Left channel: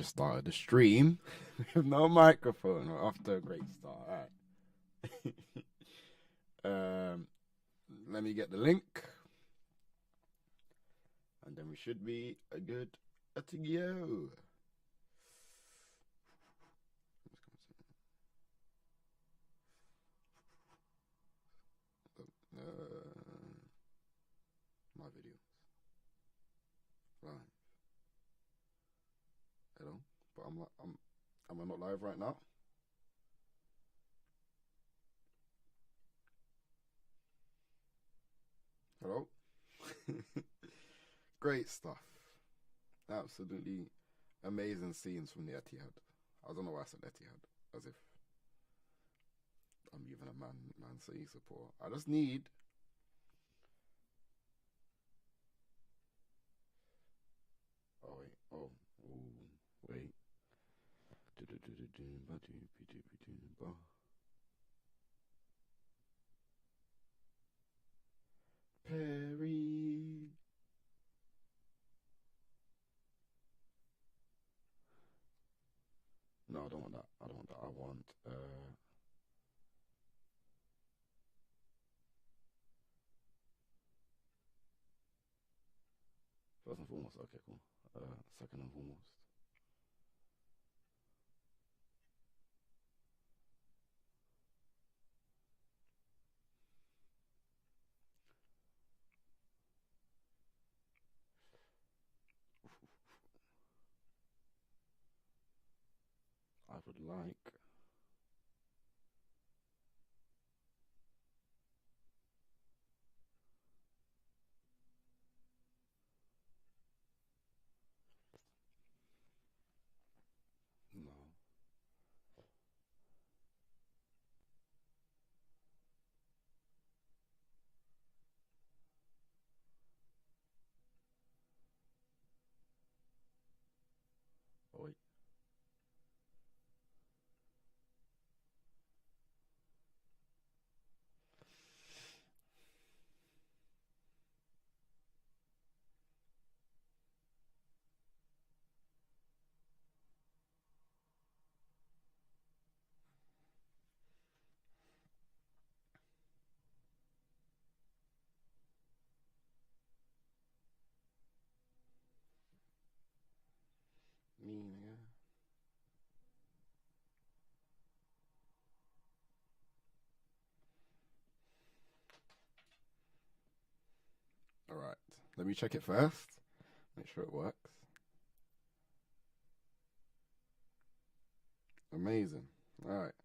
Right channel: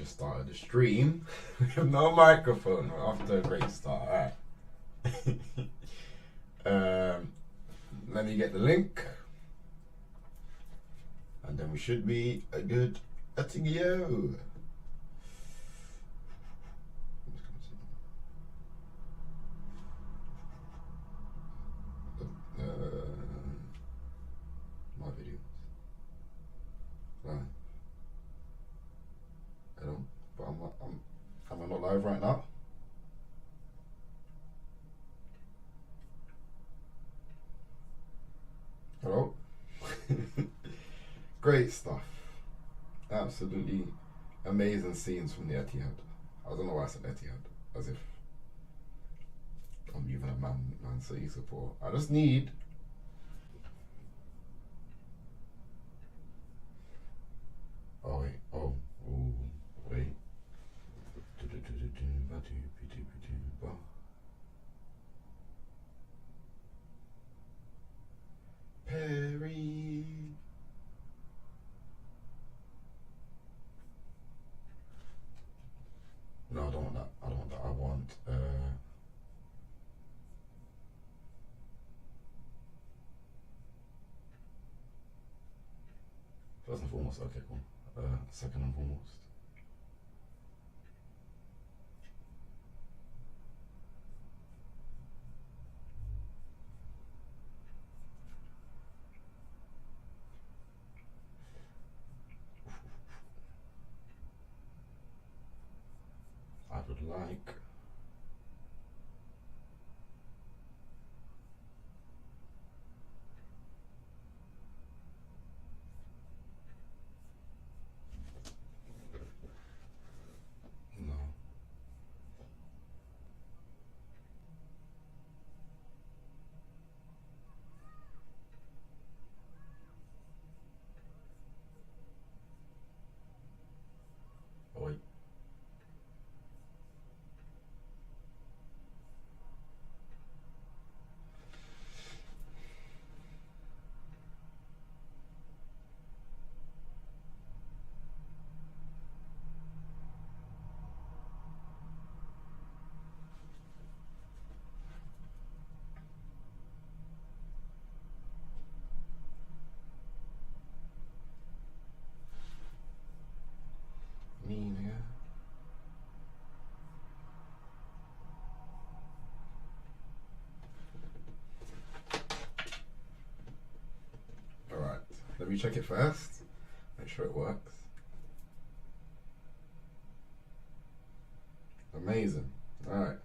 just started the stream with no microphone after a great start. Alright. Let me get the link. And then we should be a good to go. My videos. Hello, but am I not live right now? Hello? Great stuff. Absolutely amazing scenes from the Etihad. I don't know why I said Etihad, as if I'm even a Man City support. I just need. Oh wait. Oh wait. Perry. No, I don't want that. I don't want that. I want first and foremost. Okay, cool. Second and foremost. I would like. No. Oh wait. Me, nigga. Alright, let me check it first. Make sure it works. Amazing. Alright.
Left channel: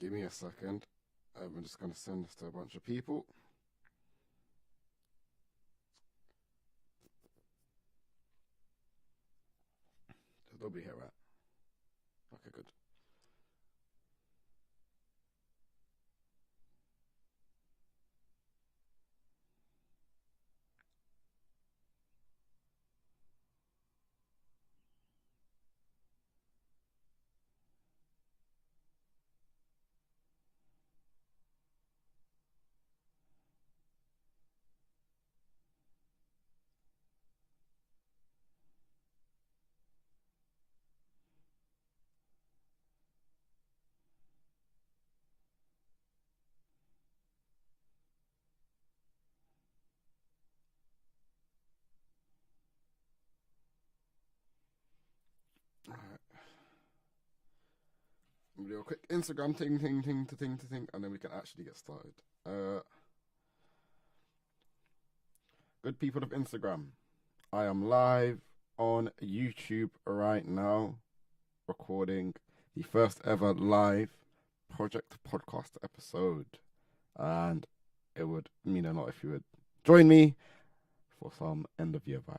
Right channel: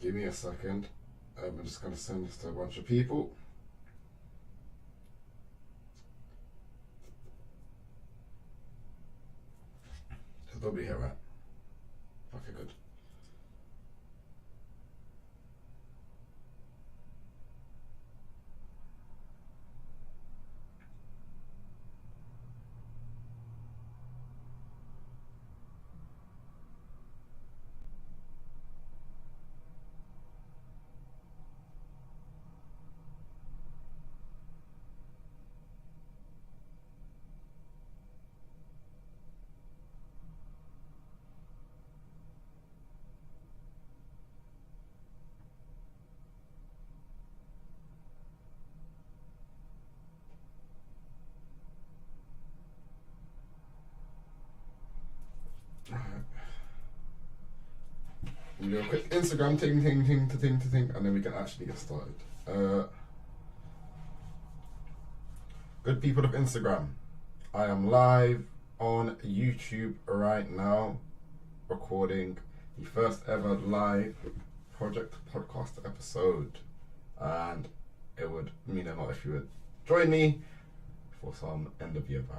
Give me a second. I'm just going to send this to a bunch of people. There's nobody here, right? Okay, good. Instagram thing, and then we can actually get started. Good people of Instagram, I am live on YouTube right now, recording the first ever live Project Podcast episode, and it would mean a lot if you would join me for some end of year vibes.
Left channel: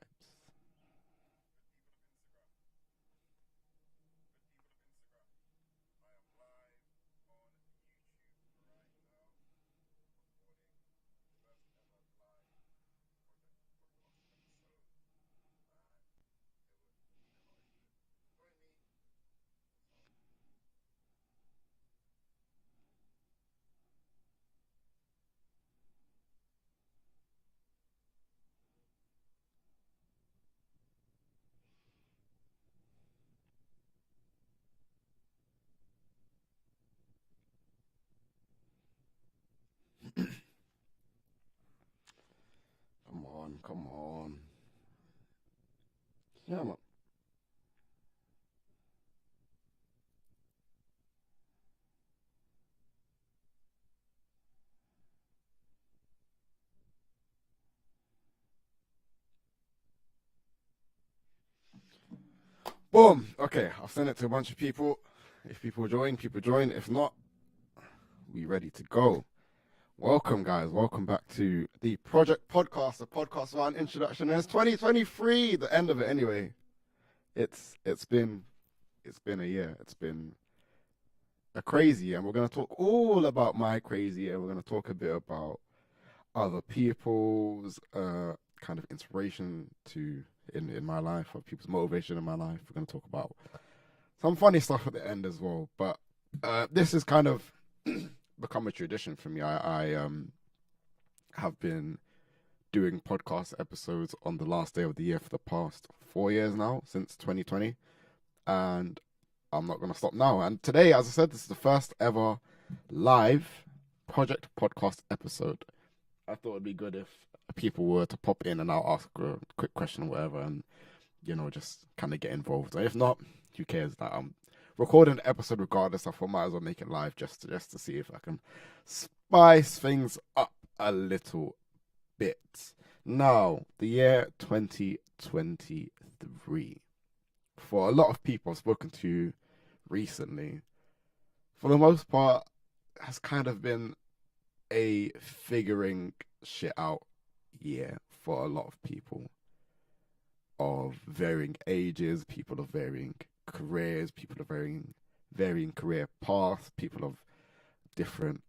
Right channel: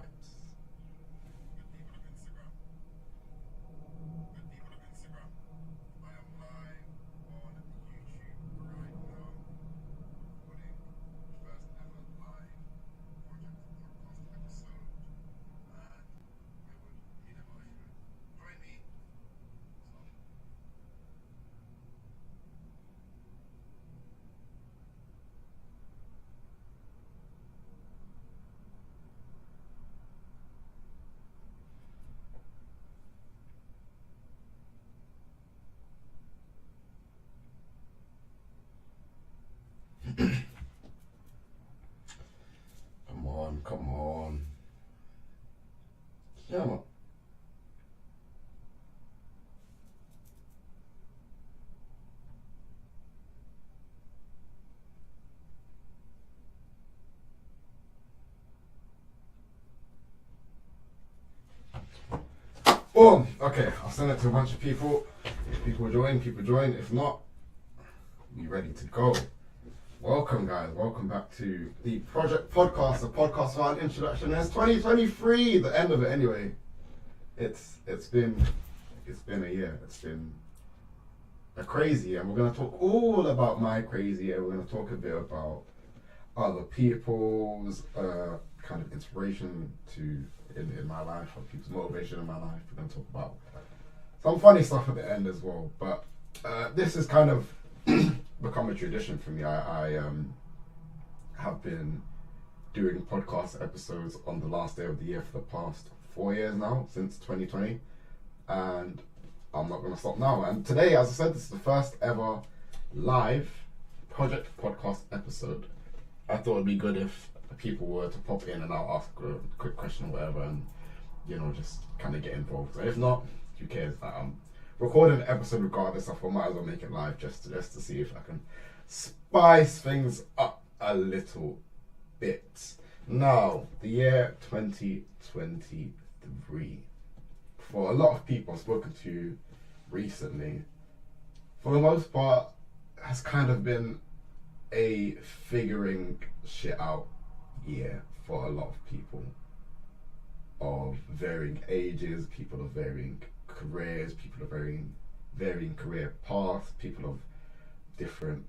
Come on. Yeah, man. Boom. Okay, I'll send it to a bunch of people. If people join, people join. If not, we ready to go. Welcome, guys. Welcome back to the Project Podcast, the podcast about introduction. And it's 2023, the end of it. Anyway, it's been a year. It's been a crazy year. We're gonna talk all about my crazy year. We're gonna talk a bit about other people's kind of inspiration in my life, or people's motivation in my life. We're gonna talk about some funny stuff at the end as well. But this is kind of become a tradition for me. I have been doing podcast episodes on the last day of the year for the past 4 years now, since 2020, and I'm not going to stop now. And today, as I said, this is the first ever live Project Podcast episode. I thought it'd be good if people were to pop in and I'll ask a quick question or whatever, and just kind of get involved. And if not, who cares? That I'm recording an episode regardless. I thought I might as well make it live just to see if I can spice things up a little bit. Now, the year 2023. For a lot of people I've spoken to recently, for the most part, has kind of been a figuring shit out year for a lot of people of varying ages, people of varying careers, people of varying career paths, people of different,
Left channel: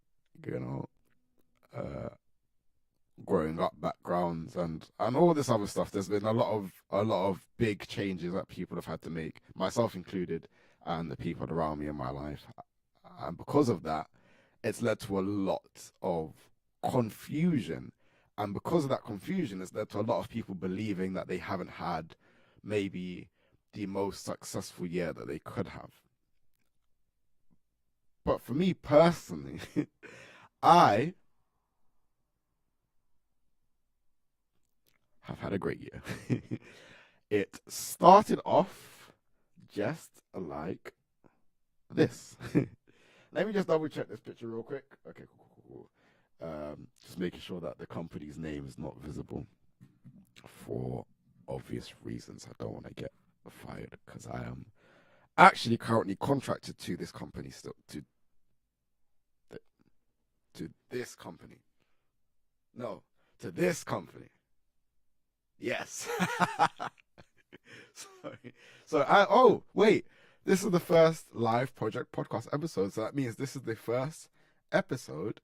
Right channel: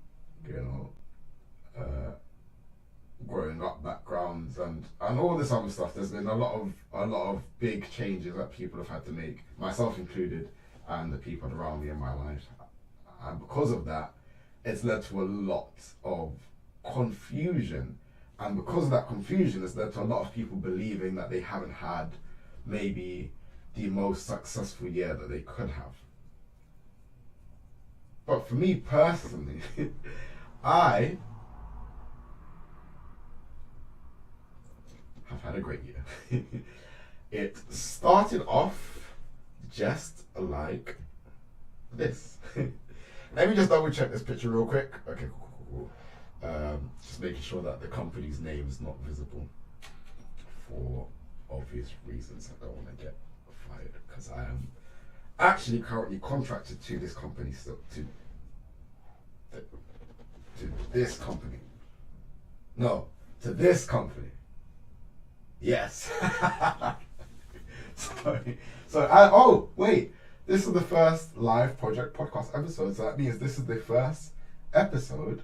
growing up backgrounds and all this other stuff. There's been a lot of big changes that people have had to make, myself included, and the people around me in my life. And because of that, it's led to a lot of confusion. And because of that confusion, it's led to a lot of people believing that they haven't had maybe the most successful year that they could have. But for me personally, I have had a great year. It started off just like this. Let me just double check this picture real quick. Okay, cool. Just making sure that the company's name is not visible for obvious reasons. I don't want to get fired because I am actually currently contracted to this company still, to this company. No, to this company. Yes. Sorry. So wait, this is the first live Project Podcast episode. So that means this is the first episode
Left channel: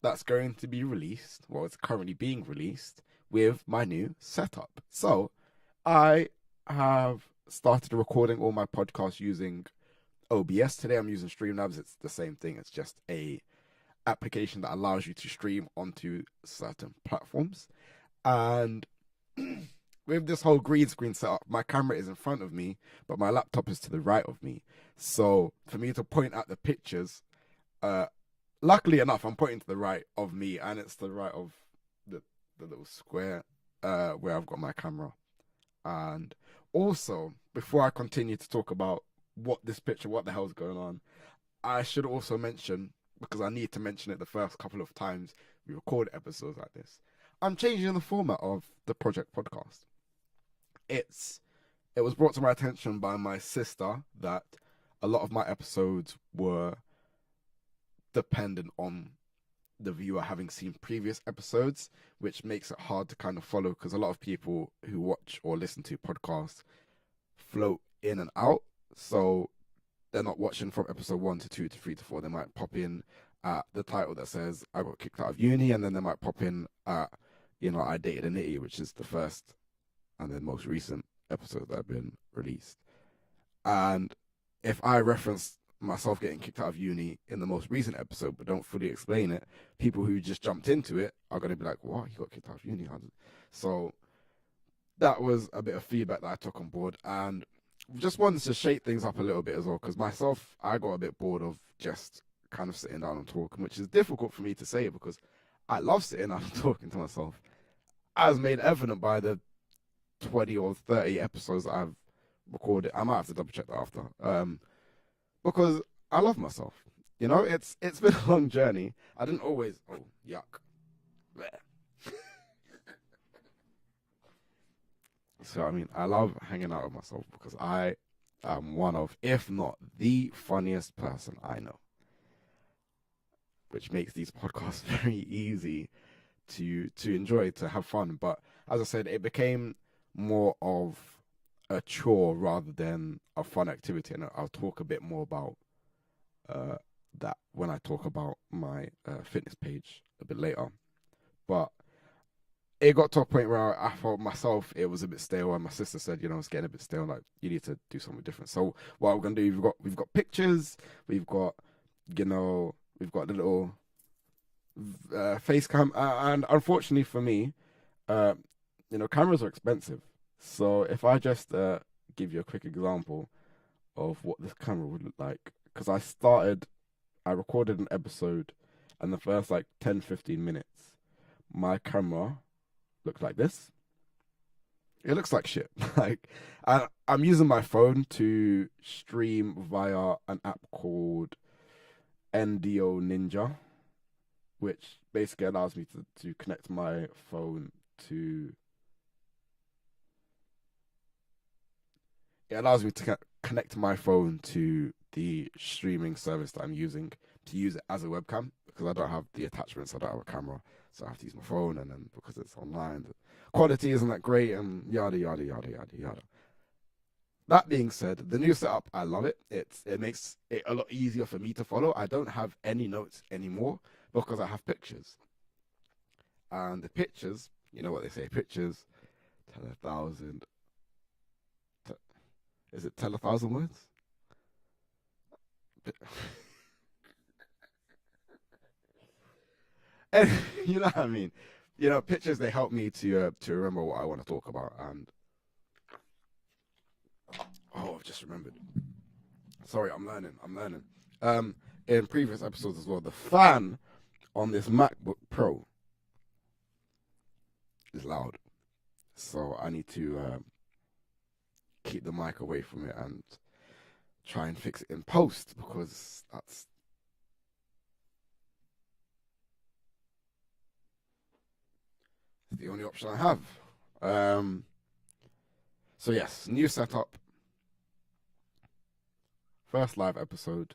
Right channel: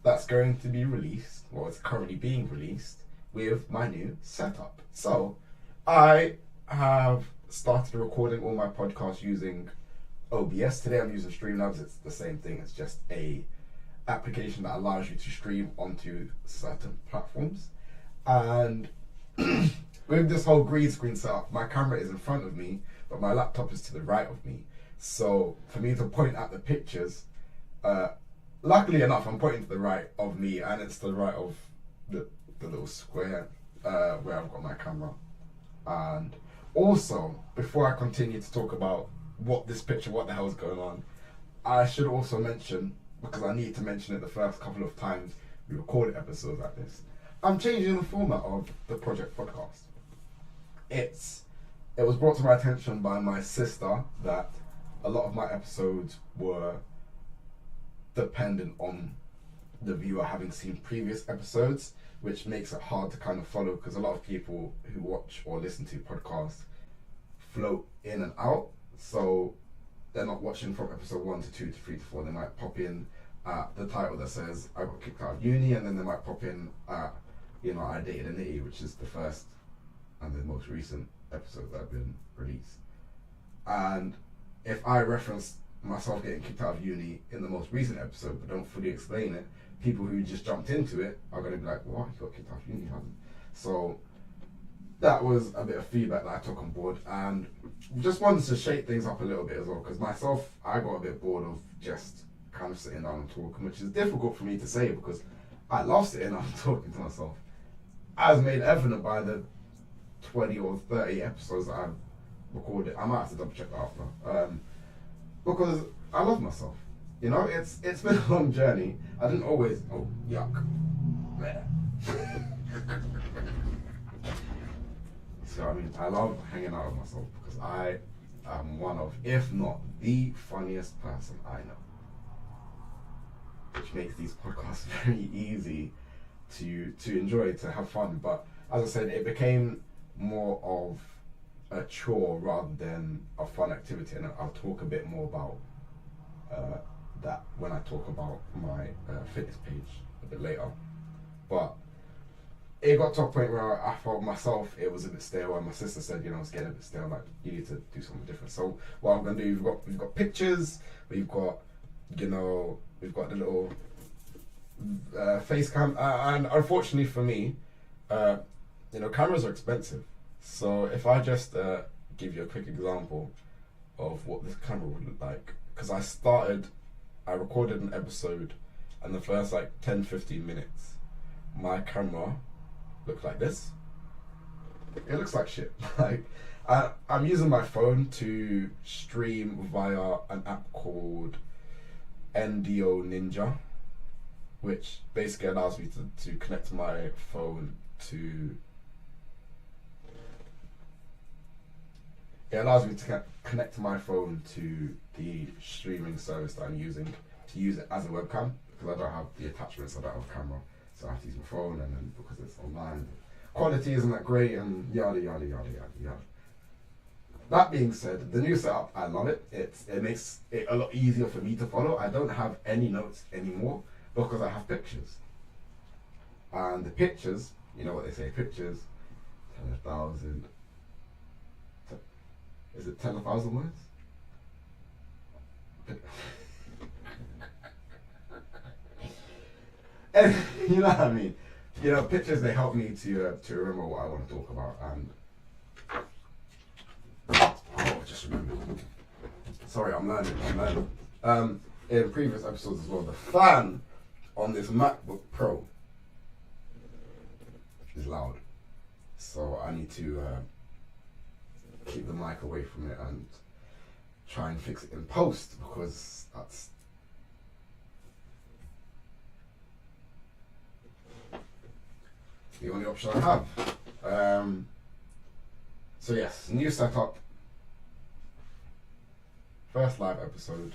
that's going to be released, or it's currently being released, with my new setup. So I have started recording all my podcasts using OBS. Today I'm using Streamlabs. It's the same thing. It's just a application that allows you to stream onto certain platforms. And with this whole green screen setup, my camera is in front of me, but my laptop is to the right of me. So for me to point at the pictures, luckily enough, I'm pointing to the right of me, and it's to the right of the little square where I've got my camera. And also, before I continue to talk about what the hell is going on, I should also mention, because I need to mention it the first couple of times we recorded episodes like this, I'm changing the format of the Project Podcast. It was brought to my attention by my sister that a lot of my episodes were dependent on the viewer having seen previous episodes, which makes it hard to kind of follow, because a lot of people who watch or listen to podcasts float in and out, so they're not watching from episode 1 to 2 to 3 to 4. They might pop in at the title that says I got kicked out of uni, and then they might pop in at, I dated a nitty, which is the first and the most recent episode that have been released. And if I reference myself getting kicked out of uni in the most recent episode but don't fully explain it, people who just jumped into it are going to be like, "What? You got kicked out of uni?" So that was a bit of feedback that I took on board, and just wanted to shake things up a little bit as well, because myself, I got a bit bored of just kind of sitting down and talking, which is difficult for me to say because I love sitting down and talking to myself, as made evident by the 20 or 30 episodes that I've recorded. I might have to double check that after, because I love myself. It's been a long journey. I didn't always. Oh, yuck. So I love hanging out with myself because I am one of, if not the funniest person I know, which makes these podcasts very easy to enjoy, to have fun. But as I said, it became more of a chore rather than a fun activity, and I'll talk a bit more about that when I talk about my fitness page a bit later. But it got to a point where I felt myself it was a bit stale, and my sister said, it's getting a bit stale, like you need to do something different. So what I'm gonna do, we've got pictures, we've got the little face cam, and unfortunately for me, cameras are expensive. So if I just give you a quick example of what this camera would look like, because I recorded an episode, and the first 10-15 minutes, my camera looked like this. It looks like shit. I'm using my phone to stream via an app called NDO Ninja, which basically allows me to connect my phone to. It allows me to connect my phone to the streaming service that I'm using to use it as a webcam, because I don't have the attachments, I don't have a camera, so I have to use my phone, and then because it's online, the quality isn't that great, and yada yada yada yada yada. That being said, the new setup, I love it. It makes it a lot easier for me to follow. I don't have any notes anymore because I have pictures. And the pictures, you know what they say, pictures tell 1,000. Is it tell 1,000 words? And you know what I mean? Pictures, they help me to remember what I want to talk about. And just remember. Sorry, I'm learning. In previous episodes as well, the fan on this MacBook Pro is loud, so I need to keep the mic away from it and try and fix it in post, because that's the only option I have. So yes, new setup, first live episode.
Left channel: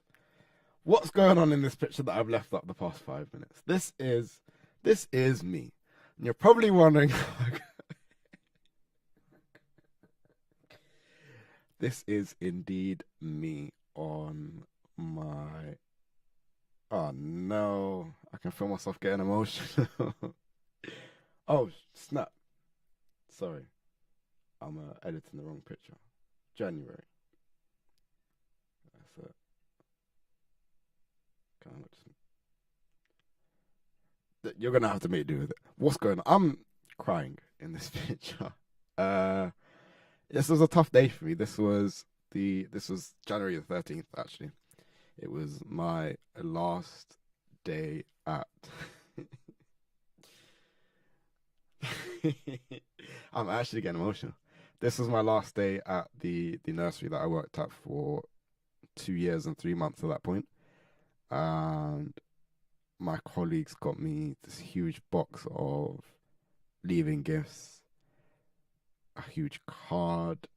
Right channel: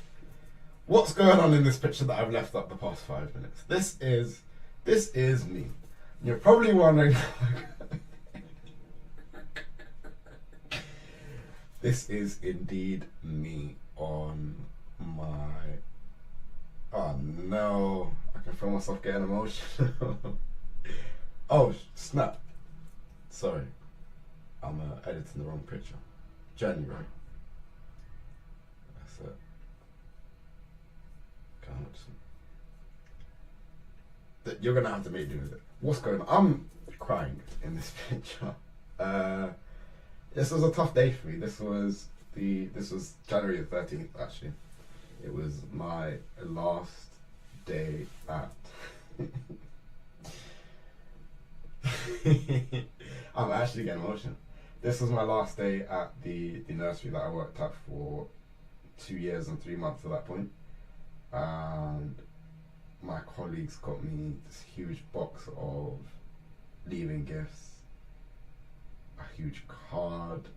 What's going on in this picture that I've left up the past 5 minutes? This is me. And you're probably wondering. This is indeed me on my. Oh no! I can feel myself getting emotional. Oh snap! Sorry, I'm editing the wrong picture. January. That's it. You're gonna have to make do with it. What's going on? I'm crying in this picture. This was a tough day for me. This was January the 13th, actually. It was my last day at. I'm actually getting emotional. This was my last day at the nursery that I worked at for 2 years and 3 months at that point. and my colleagues got me this huge box of leaving gifts, a huge card,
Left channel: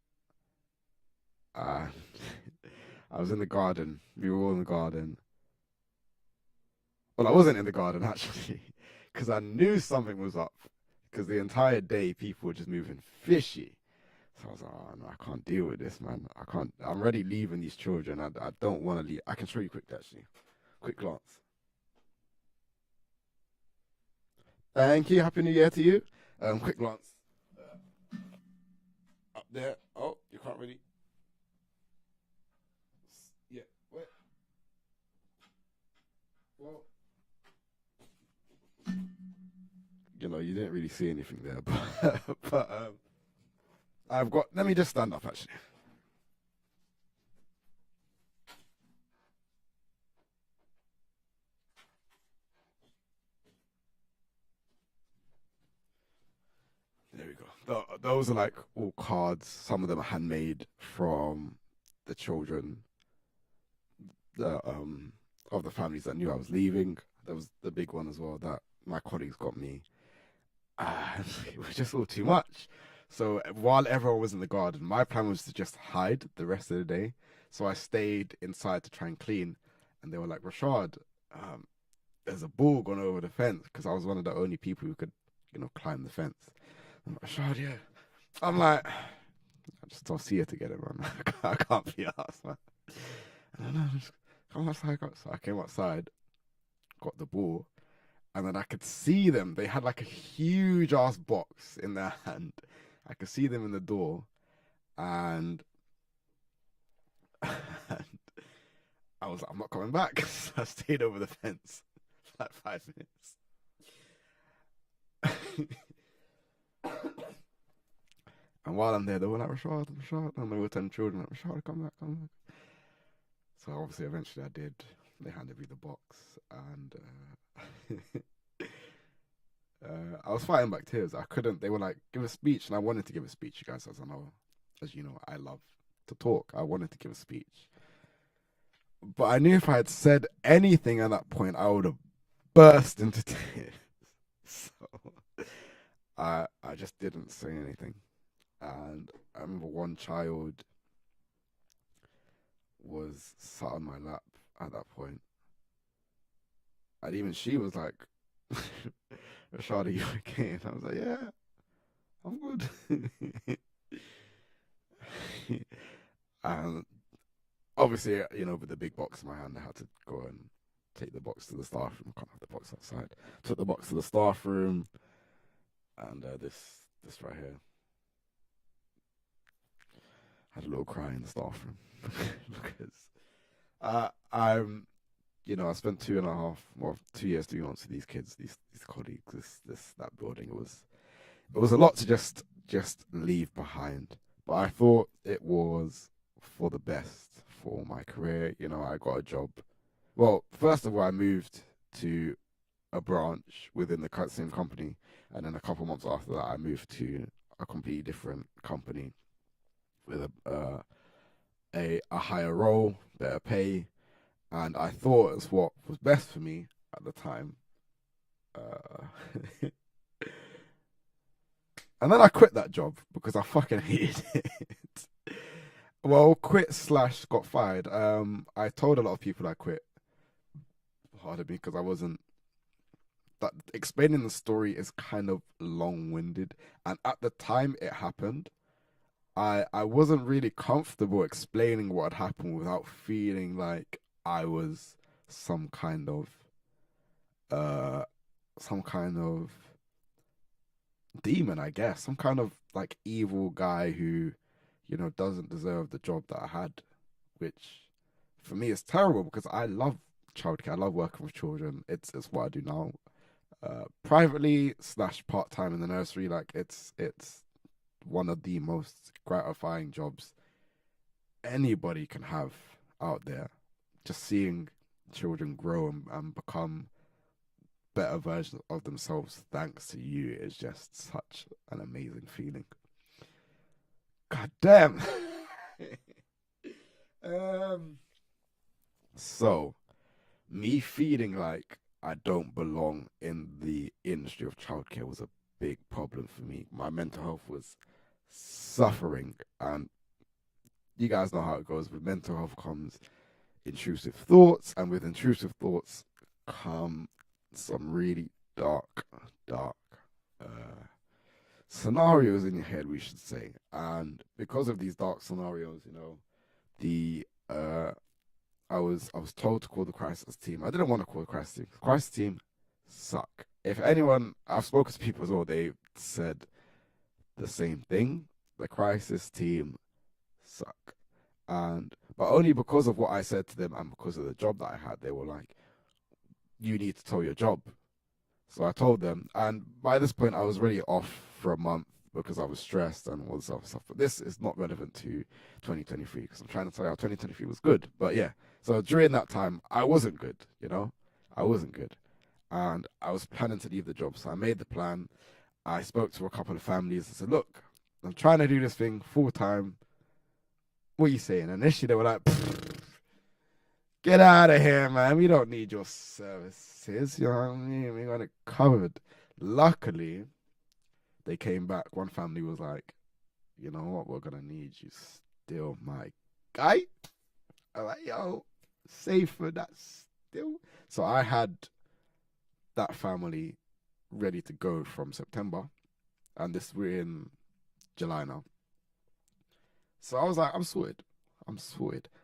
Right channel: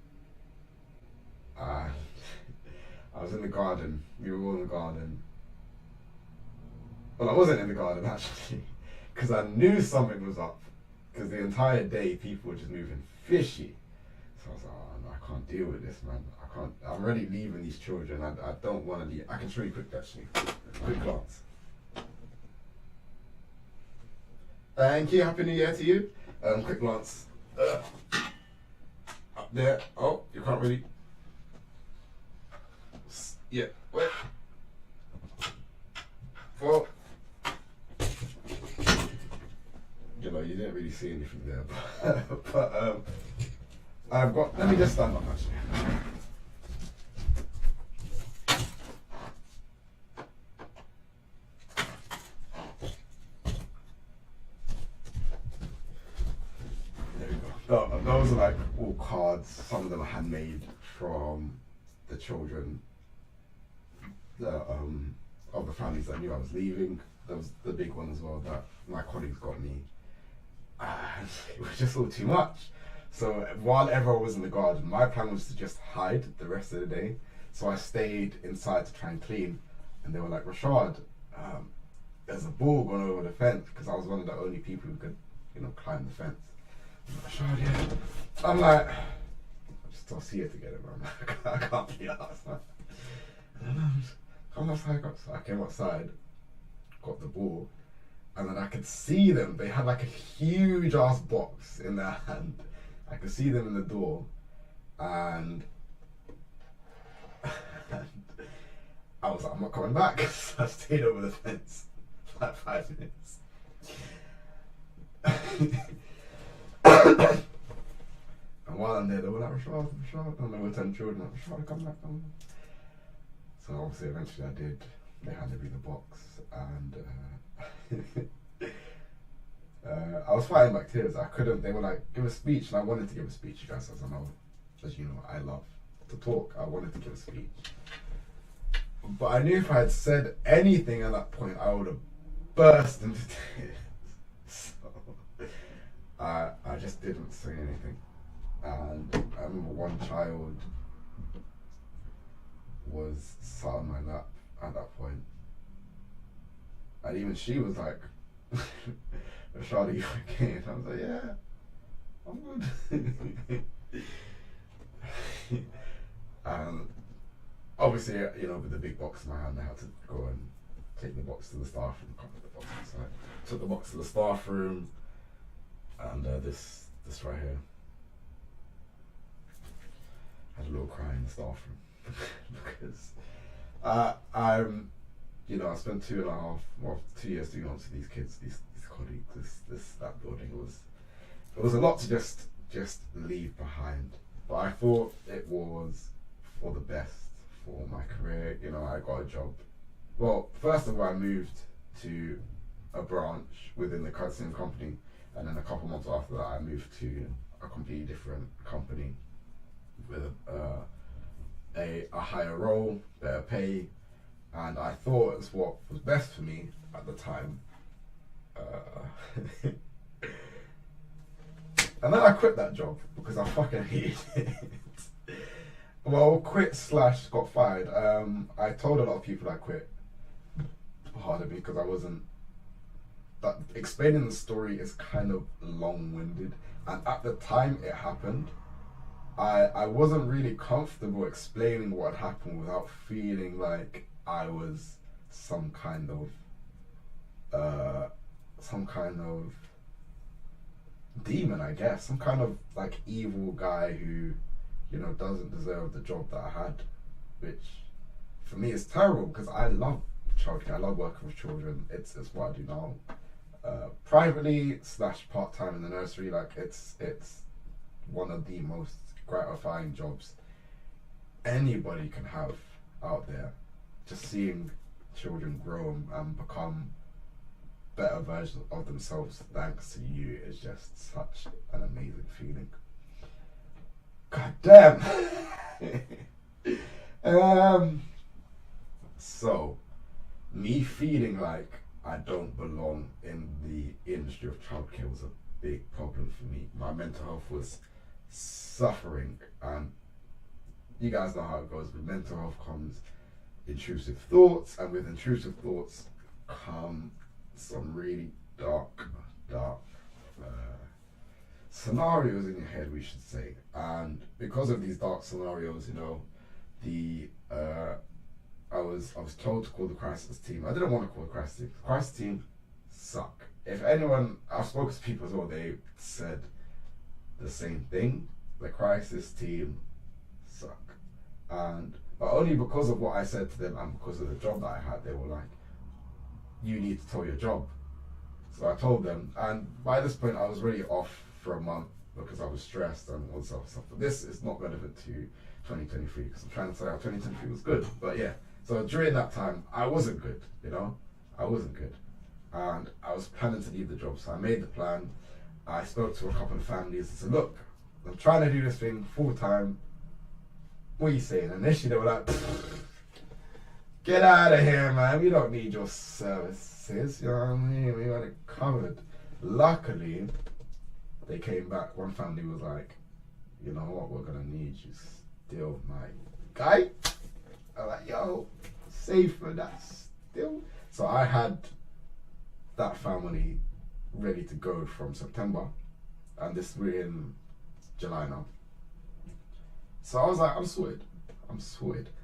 and I was in the garden. We were all in the garden. Well, I wasn't in the garden actually, because I knew something was up. Because the entire day people were just moving fishy. So I was like, oh, no, I can't deal with this, man. I can't. I'm already leaving these children. I don't want to leave. I can show you quick, actually. Quick glance. Thank you. Happy New Year to you. Quick glance. Up there. Oh, you can't really. Yeah. Wait. Well. You know, you didn't really see anything there, but I've got. Let me just stand up actually. There we go. Those are like all cards. Some of them are handmade from the children of the families that knew I was leaving. That was the big one as well that my colleagues got me. And it was just all too much. So while everyone was in the garden, my plan was to just hide the rest of the day. So I stayed inside to try and clean. And they were like, Rashad, there's a ball going over the fence, because I was one of the only people who could, climb the fence. I'm like, Rashad, yeah. I'm like, I just don't see it together, man. I can't be arsed, man. And then I just come outside. So I came outside, got the ball. And then I could see them. They had like a huge ass box in their hand. I could see them in the door. And I was like, I'm not coming back. So I stayed over the fence for like 5 minutes. And while I'm there, they were like, Rashad. And they were telling children, like, Rashad, come back. So obviously, eventually I did. They handed me the box. And I was fighting back tears. I couldn't. They were like, give a speech, and I wanted to give a speech, you guys. As you know, I love to talk. I wanted to give a speech, but I knew if I had said anything at that point, I would have burst into tears. So I just didn't say anything. And I remember one child was sat on my lap at that point. And even she was like, Rashad, are you okay? And I was like, yeah, I'm good. Obviously, with the big box in my hand, I had to go and take the box to the staff room. Can't put the box outside. Took the box to the staff room, and this right here. Had a little cry in the staff room because I spent 2 years doing on to these kids, these colleagues, that building. It was a lot to just leave behind, but I thought it was for the best for my career. I got a job. Well, first of all, I moved to a branch within the same company, and then a couple months after that, I moved to a completely different company with a higher role, better pay, and I thought it's what was best for me at the time. And then I quit that job because I fucking hated it. Well, got fired. I told a lot of people I quit. Pardon me, because I wasn't. That explaining the story is kind of long-winded, and at the time it happened, I wasn't really comfortable explaining what had happened without feeling like I was some kind of demon, I guess, some kind of like evil guy who, doesn't deserve the job that I had, which for me is terrible because I love childcare. I love working with children. It's what I do now, privately / part-time in the nursery. Like it's one of the most gratifying jobs anybody can have out there. Just seeing children grow and become better versions of themselves thanks to you is just such an amazing feeling. God damn. So me feeling like I don't belong in the industry of childcare was a big problem for me. My mental health was suffering, and you guys know how it goes. With mental health comes intrusive thoughts, and with intrusive thoughts come some really dark scenarios in your head, we should say. And because of these dark scenarios, you know, I was told to call the crisis team. I didn't want to call the crisis team. The crisis team suck. If anyone, I've spoken to people as well, they said the same thing. The crisis team suck. But only because of what I said to them and because of the job that I had, they were like, you need to tell your job. So I told them, and by this point I was really off for a month because I was stressed and all this other stuff. But this is not relevant to 2023 because I'm trying to tell you how 2023 was good. But yeah, so during that time I wasn't good, you know, I wasn't good, and I was planning to leave the job. So I made the plan. I spoke to a couple of families and said, look, I'm trying to do this thing full time. What are you saying? And initially they were like, get out of here, man. We don't need your services. You know what I mean? We got it covered. Luckily, they came back. One family was like, you know what? We're going to need you still, my guy. I was like, yo, safe for that still. So I had that family ready to go from September. And we're in July now. So I was like, I'm sorted.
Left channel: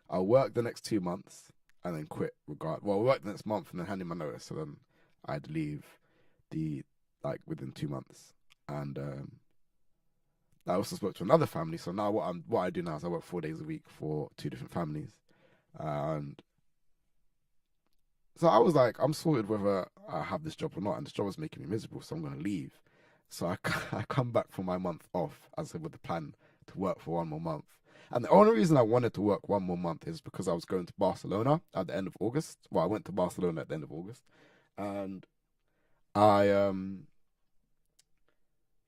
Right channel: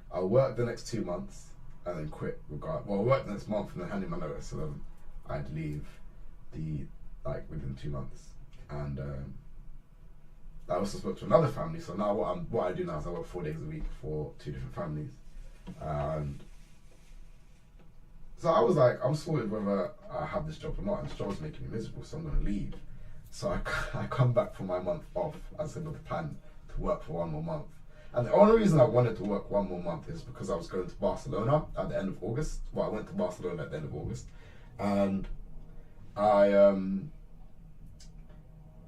I'll work the next 2 months and then quit. Well, I'll work the next month and then hand in my notice. So then I'd leave within 2 months. And I also spoke to another family. So now what I do now is I work 4 days a week for 2 different families. And so I was like, I'm sorted whether I have this job or not. And this job was making me miserable, so I'm going to leave. So I come back from my month off, as I said, with the plan to work for 1 more month. And the only reason I wanted to work 1 more month is because I was going to Barcelona at the end of August. Well, I went to Barcelona at the end of August. And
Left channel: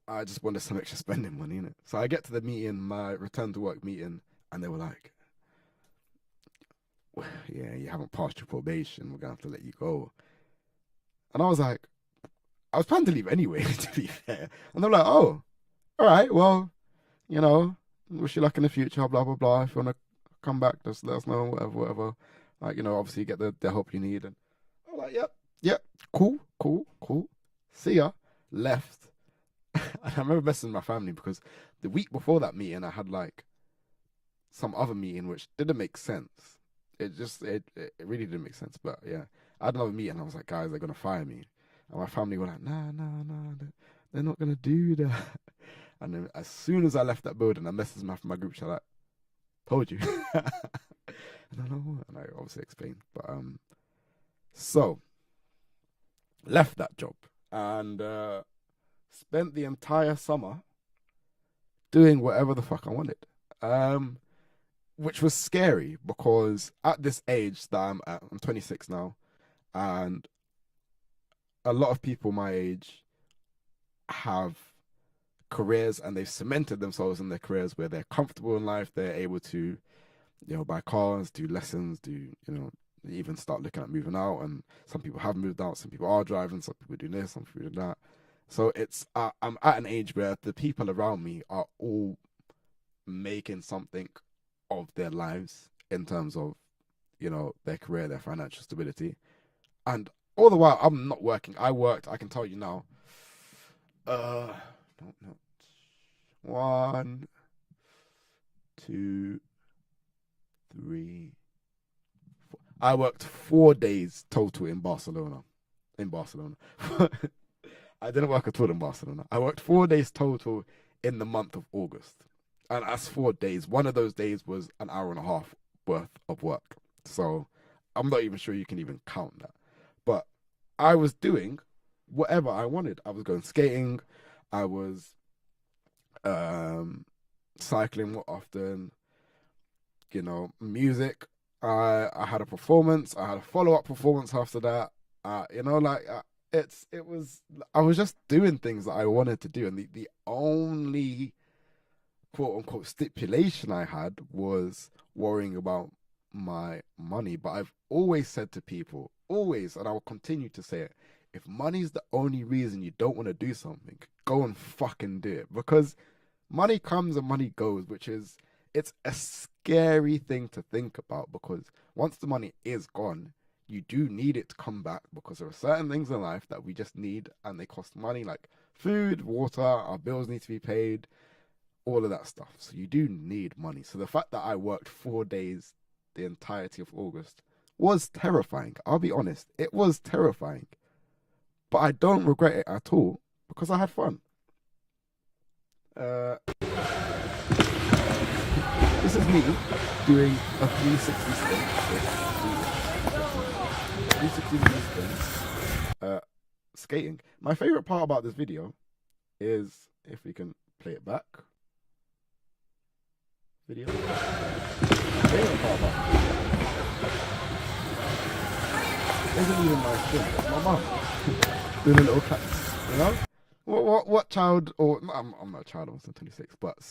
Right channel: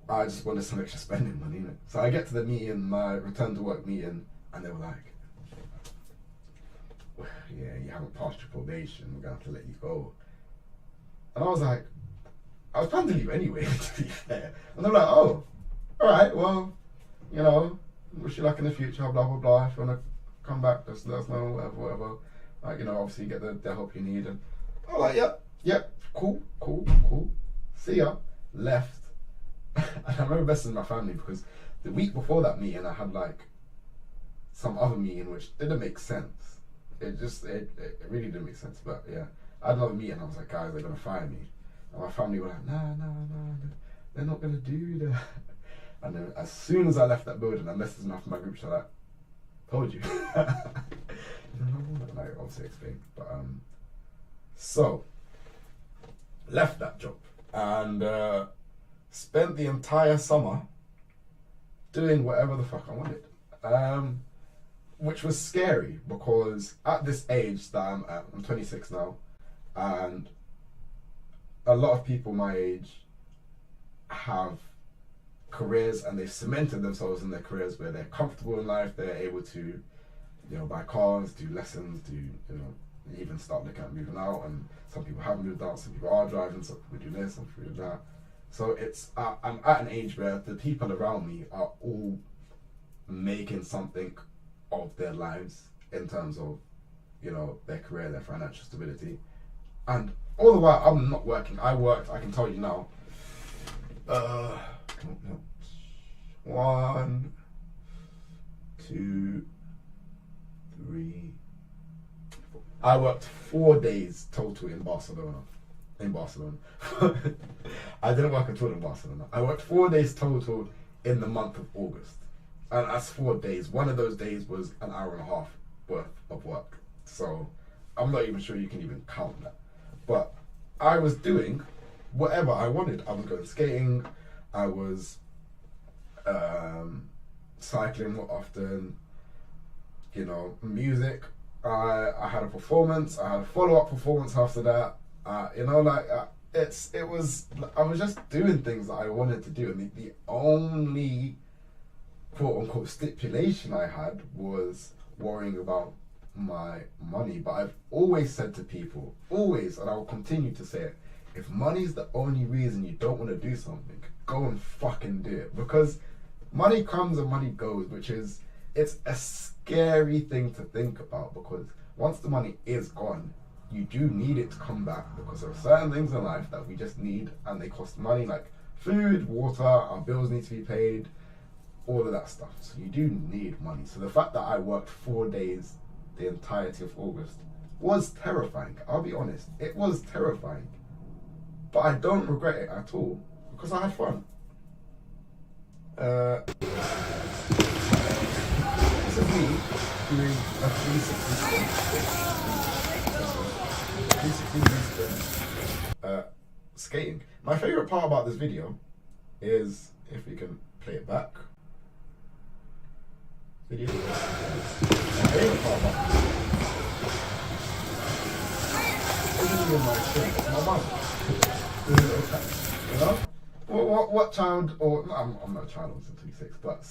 I just wanted some extra spending money, innit? So I get to the meeting, my return to work meeting, and they were like, well, yeah, you haven't passed your probation, we're going to have to let you go. And I was like, I was planning to leave anyway, to be fair. And they're like, oh, all right, well, you know, wish you luck in the future, blah, blah, blah. If you want to come back, just let us know, whatever. Like, you know, obviously you get the help you need. And I was like, yep, cool. See ya. Left. And I remember messaging my family because the week before that meeting, I had like some other meeting which didn't make sense. It really didn't make sense. But yeah, I had another meeting. I was like, guys, they're going to fire me. And my family were like, nah, they're not going to do that. And then as soon as I left that building, I messaged my group chat like, told you. And I obviously explained. But so left that job and spent the entire summer doing whatever the fuck I wanted. Which was scary because at this age that I'm at, I'm 26 now, and a lot of people my age have careers and they've cemented themselves in their careers where they're comfortable in life, they're able to, you know, buy cars, do lessons, even start looking at moving out. And some people have moved out, some people are driving, some people do this, some people do that. So I'm at an age where the people around me are all making something of their lives in terms of, you know, their career, their financial stability. And all the while I'm not working. I can tell you now, 1, 2, 3, 4. I worked 4 days total in Barcelona. I didn't work at all in Barcelona. I worked 4 days total in the month of August. And that's 4 days. One of those days was an hour and a half worth of work. So I'm not even sure you can even count that. But I was doing whatever I wanted. I was going skating. I was cycling more often. You know, music. I had a performance. I had a follow-up performance after that. I was just doing things that I wanted to do, and the only quote unquote stipulation I had was worrying about my money, but I've always said to people, always, and I will continue to say it, if money's the only reason you don't want to do something, go and fucking do it. Because money comes and money goes, it's a scary thing to think about, because once the money is gone, you do need it to come back, because there are certain things in life that we just need and they cost money, like food, water, our bills need to be paid, all of that stuff. So you do need money. So the fact that I worked 4 days the entirety of August was terrifying. I'll be honest, it was terrifying. But I don't regret it at all, because I had fun. This is me doing a 360 skating. My favourite part about this video is, if we can play it back. Video. Doing a little cat, you know? What child, or I'm not a child, I was 26, but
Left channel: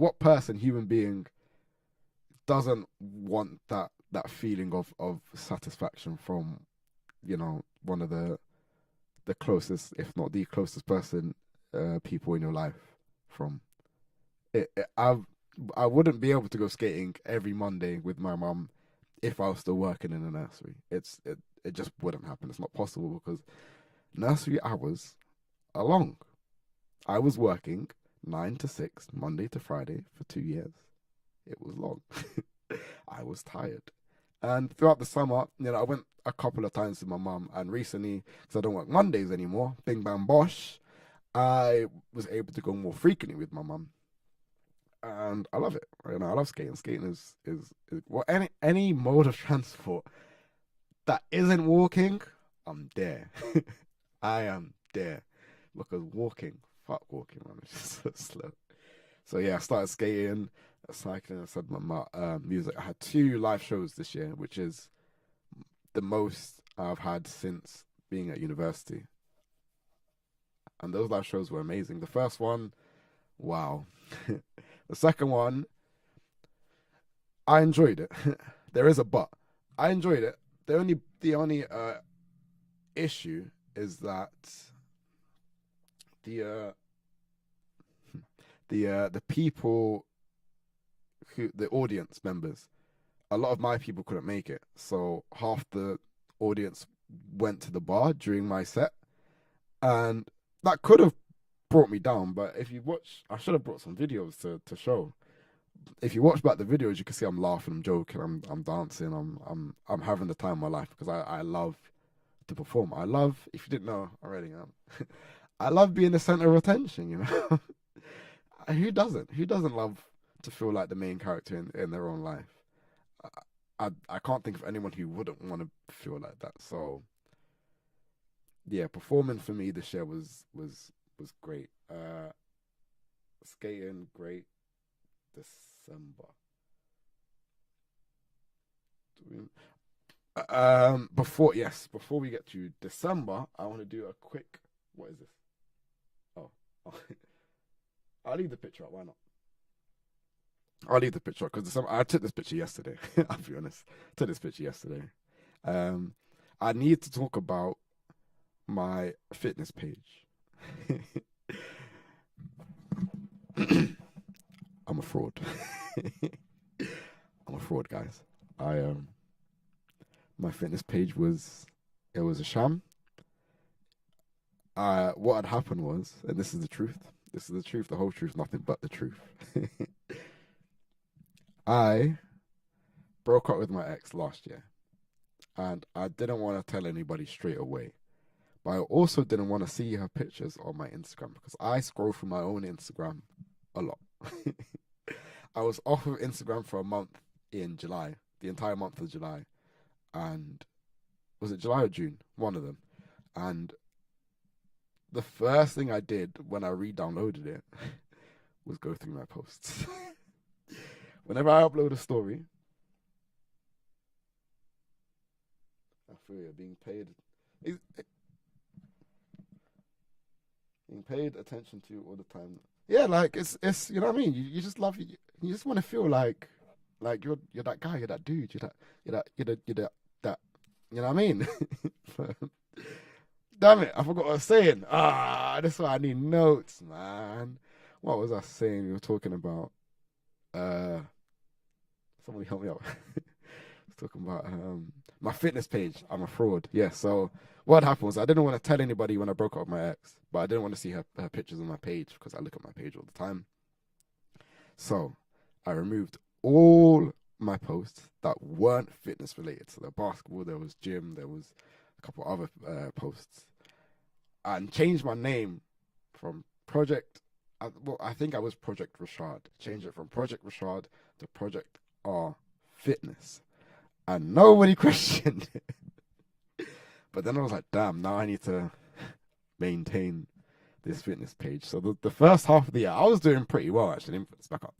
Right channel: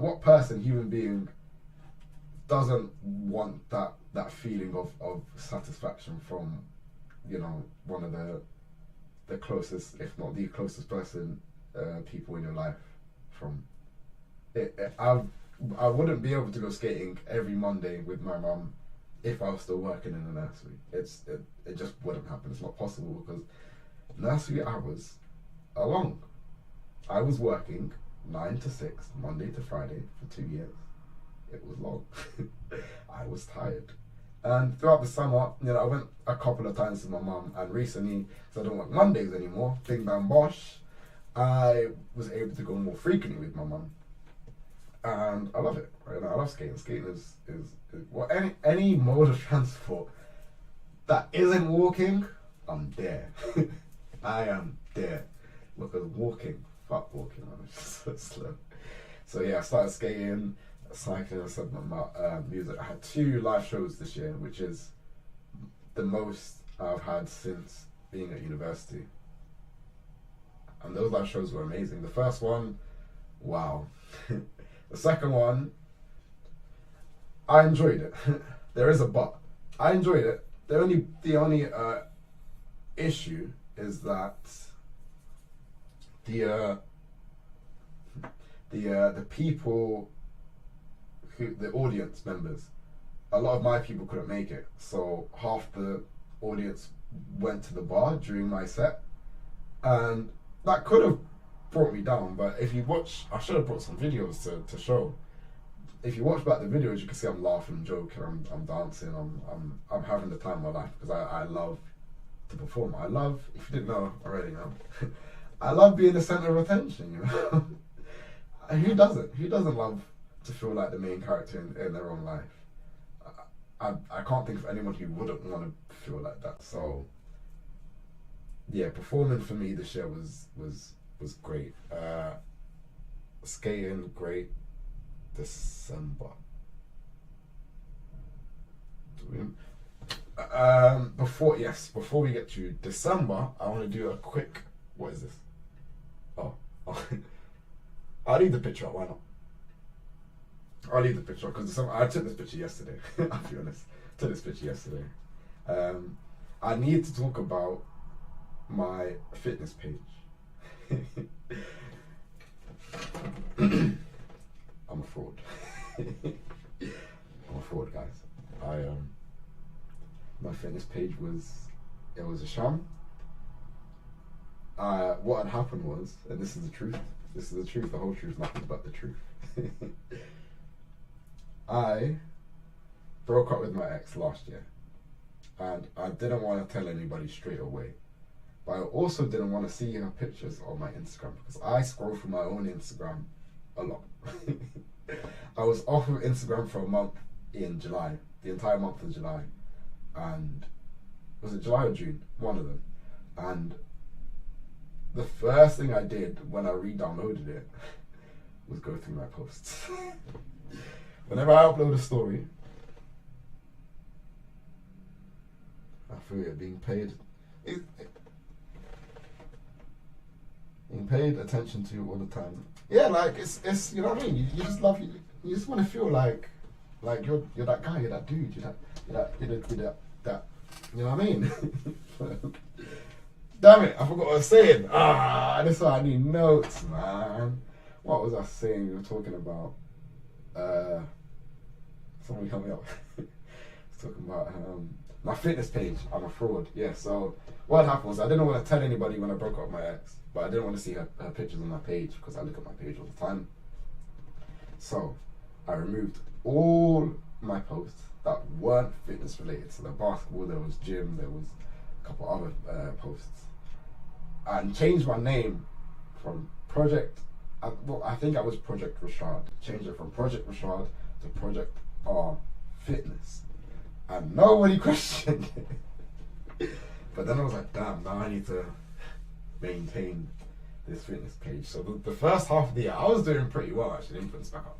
what person, human being, doesn't want that feeling of satisfaction from, you know, one of the closest, if not the closest person, people in your life. From it, I wouldn't be able to go skating every Monday with my mum if I was still working in the nursery. It just wouldn't happen. It's not possible, because nursery hours are long. I was working 9 to 6, Monday to Friday for 2 years. It was long. I was tired. And throughout the summer, you know, I went a couple of times with my mum, and recently, because I don't work Mondays anymore, bing bang bosh, I was able to go more frequently with my mum. And I love it. You know, I love skating. Skating is well, any mode of transport that isn't walking, I'm there. I am there. Because fuck walking, man, it's just so slow. So yeah, I started skating, cycling, I said my music. I had 2 live shows this year, which is the most I've had since being at university. And those live shows were amazing. The first one, wow. The second one, I enjoyed it. There is a but. I enjoyed it. The only issue is that the people the audience members, a lot of my people couldn't make it, so half the audience went to the bar during my set, and that could have brought me down. But if you watch, I should have brought some videos to show. If you watch back the videos, you can see I'm laughing, I'm joking, I'm dancing, I'm having the time of my life, because I love to perform. I love, if you didn't know already, I love being the center of attention, you know. And who doesn't love to feel like the main character in their own life? I can't think of anyone who wouldn't want to feel like that. So yeah, performing for me this year was great. Skating, great. December. Before we get to December, I want to do a quick. What is this? Oh. I'll leave the picture up. Why not? I'll leave the picture because I took this picture yesterday. I'll be honest. I took this picture yesterday. I need to talk about my fitness page. I'm a fraud. I'm a fraud, guys. My fitness page was a sham. What had happened was, and this is the truth, the whole truth, nothing but the truth. I broke up with my ex last year, and I didn't want to tell anybody straight away, but I also didn't want to see her pictures on my Instagram, because I scroll through my own Instagram a lot. I was off of Instagram for a month in July, the entire month of July, and was it July or June? One of them. And the first thing I did when I re-downloaded it was go through my posts. Whenever I upload a story, I feel you're being paid. Being paid attention to all the time. Yeah, like it's you know what I mean. You just love, you just want to feel like Like you're that guy, you're that dude, you're that. You know what I mean? Damn it, I forgot what I was saying. That's why I need notes, man. What was I saying? We were talking about. Somebody help me out. I was talking about my fitness page. I'm a fraud. Yeah. So what happened was I didn't want to tell anybody when I broke up with my ex, but I didn't want to see her pictures on my page because I look at my page all the time. So I removed all my posts that weren't fitness related. So the basketball, there was gym, there was a couple other posts, and changed my name from I think I was Project Rashad. Changed it from Project Rashad to Project R Fitness, and nobody questioned it. But then I was like, damn, now I need to maintain this fitness page. So the first half of the year, I was doing pretty well actually. Influence back up.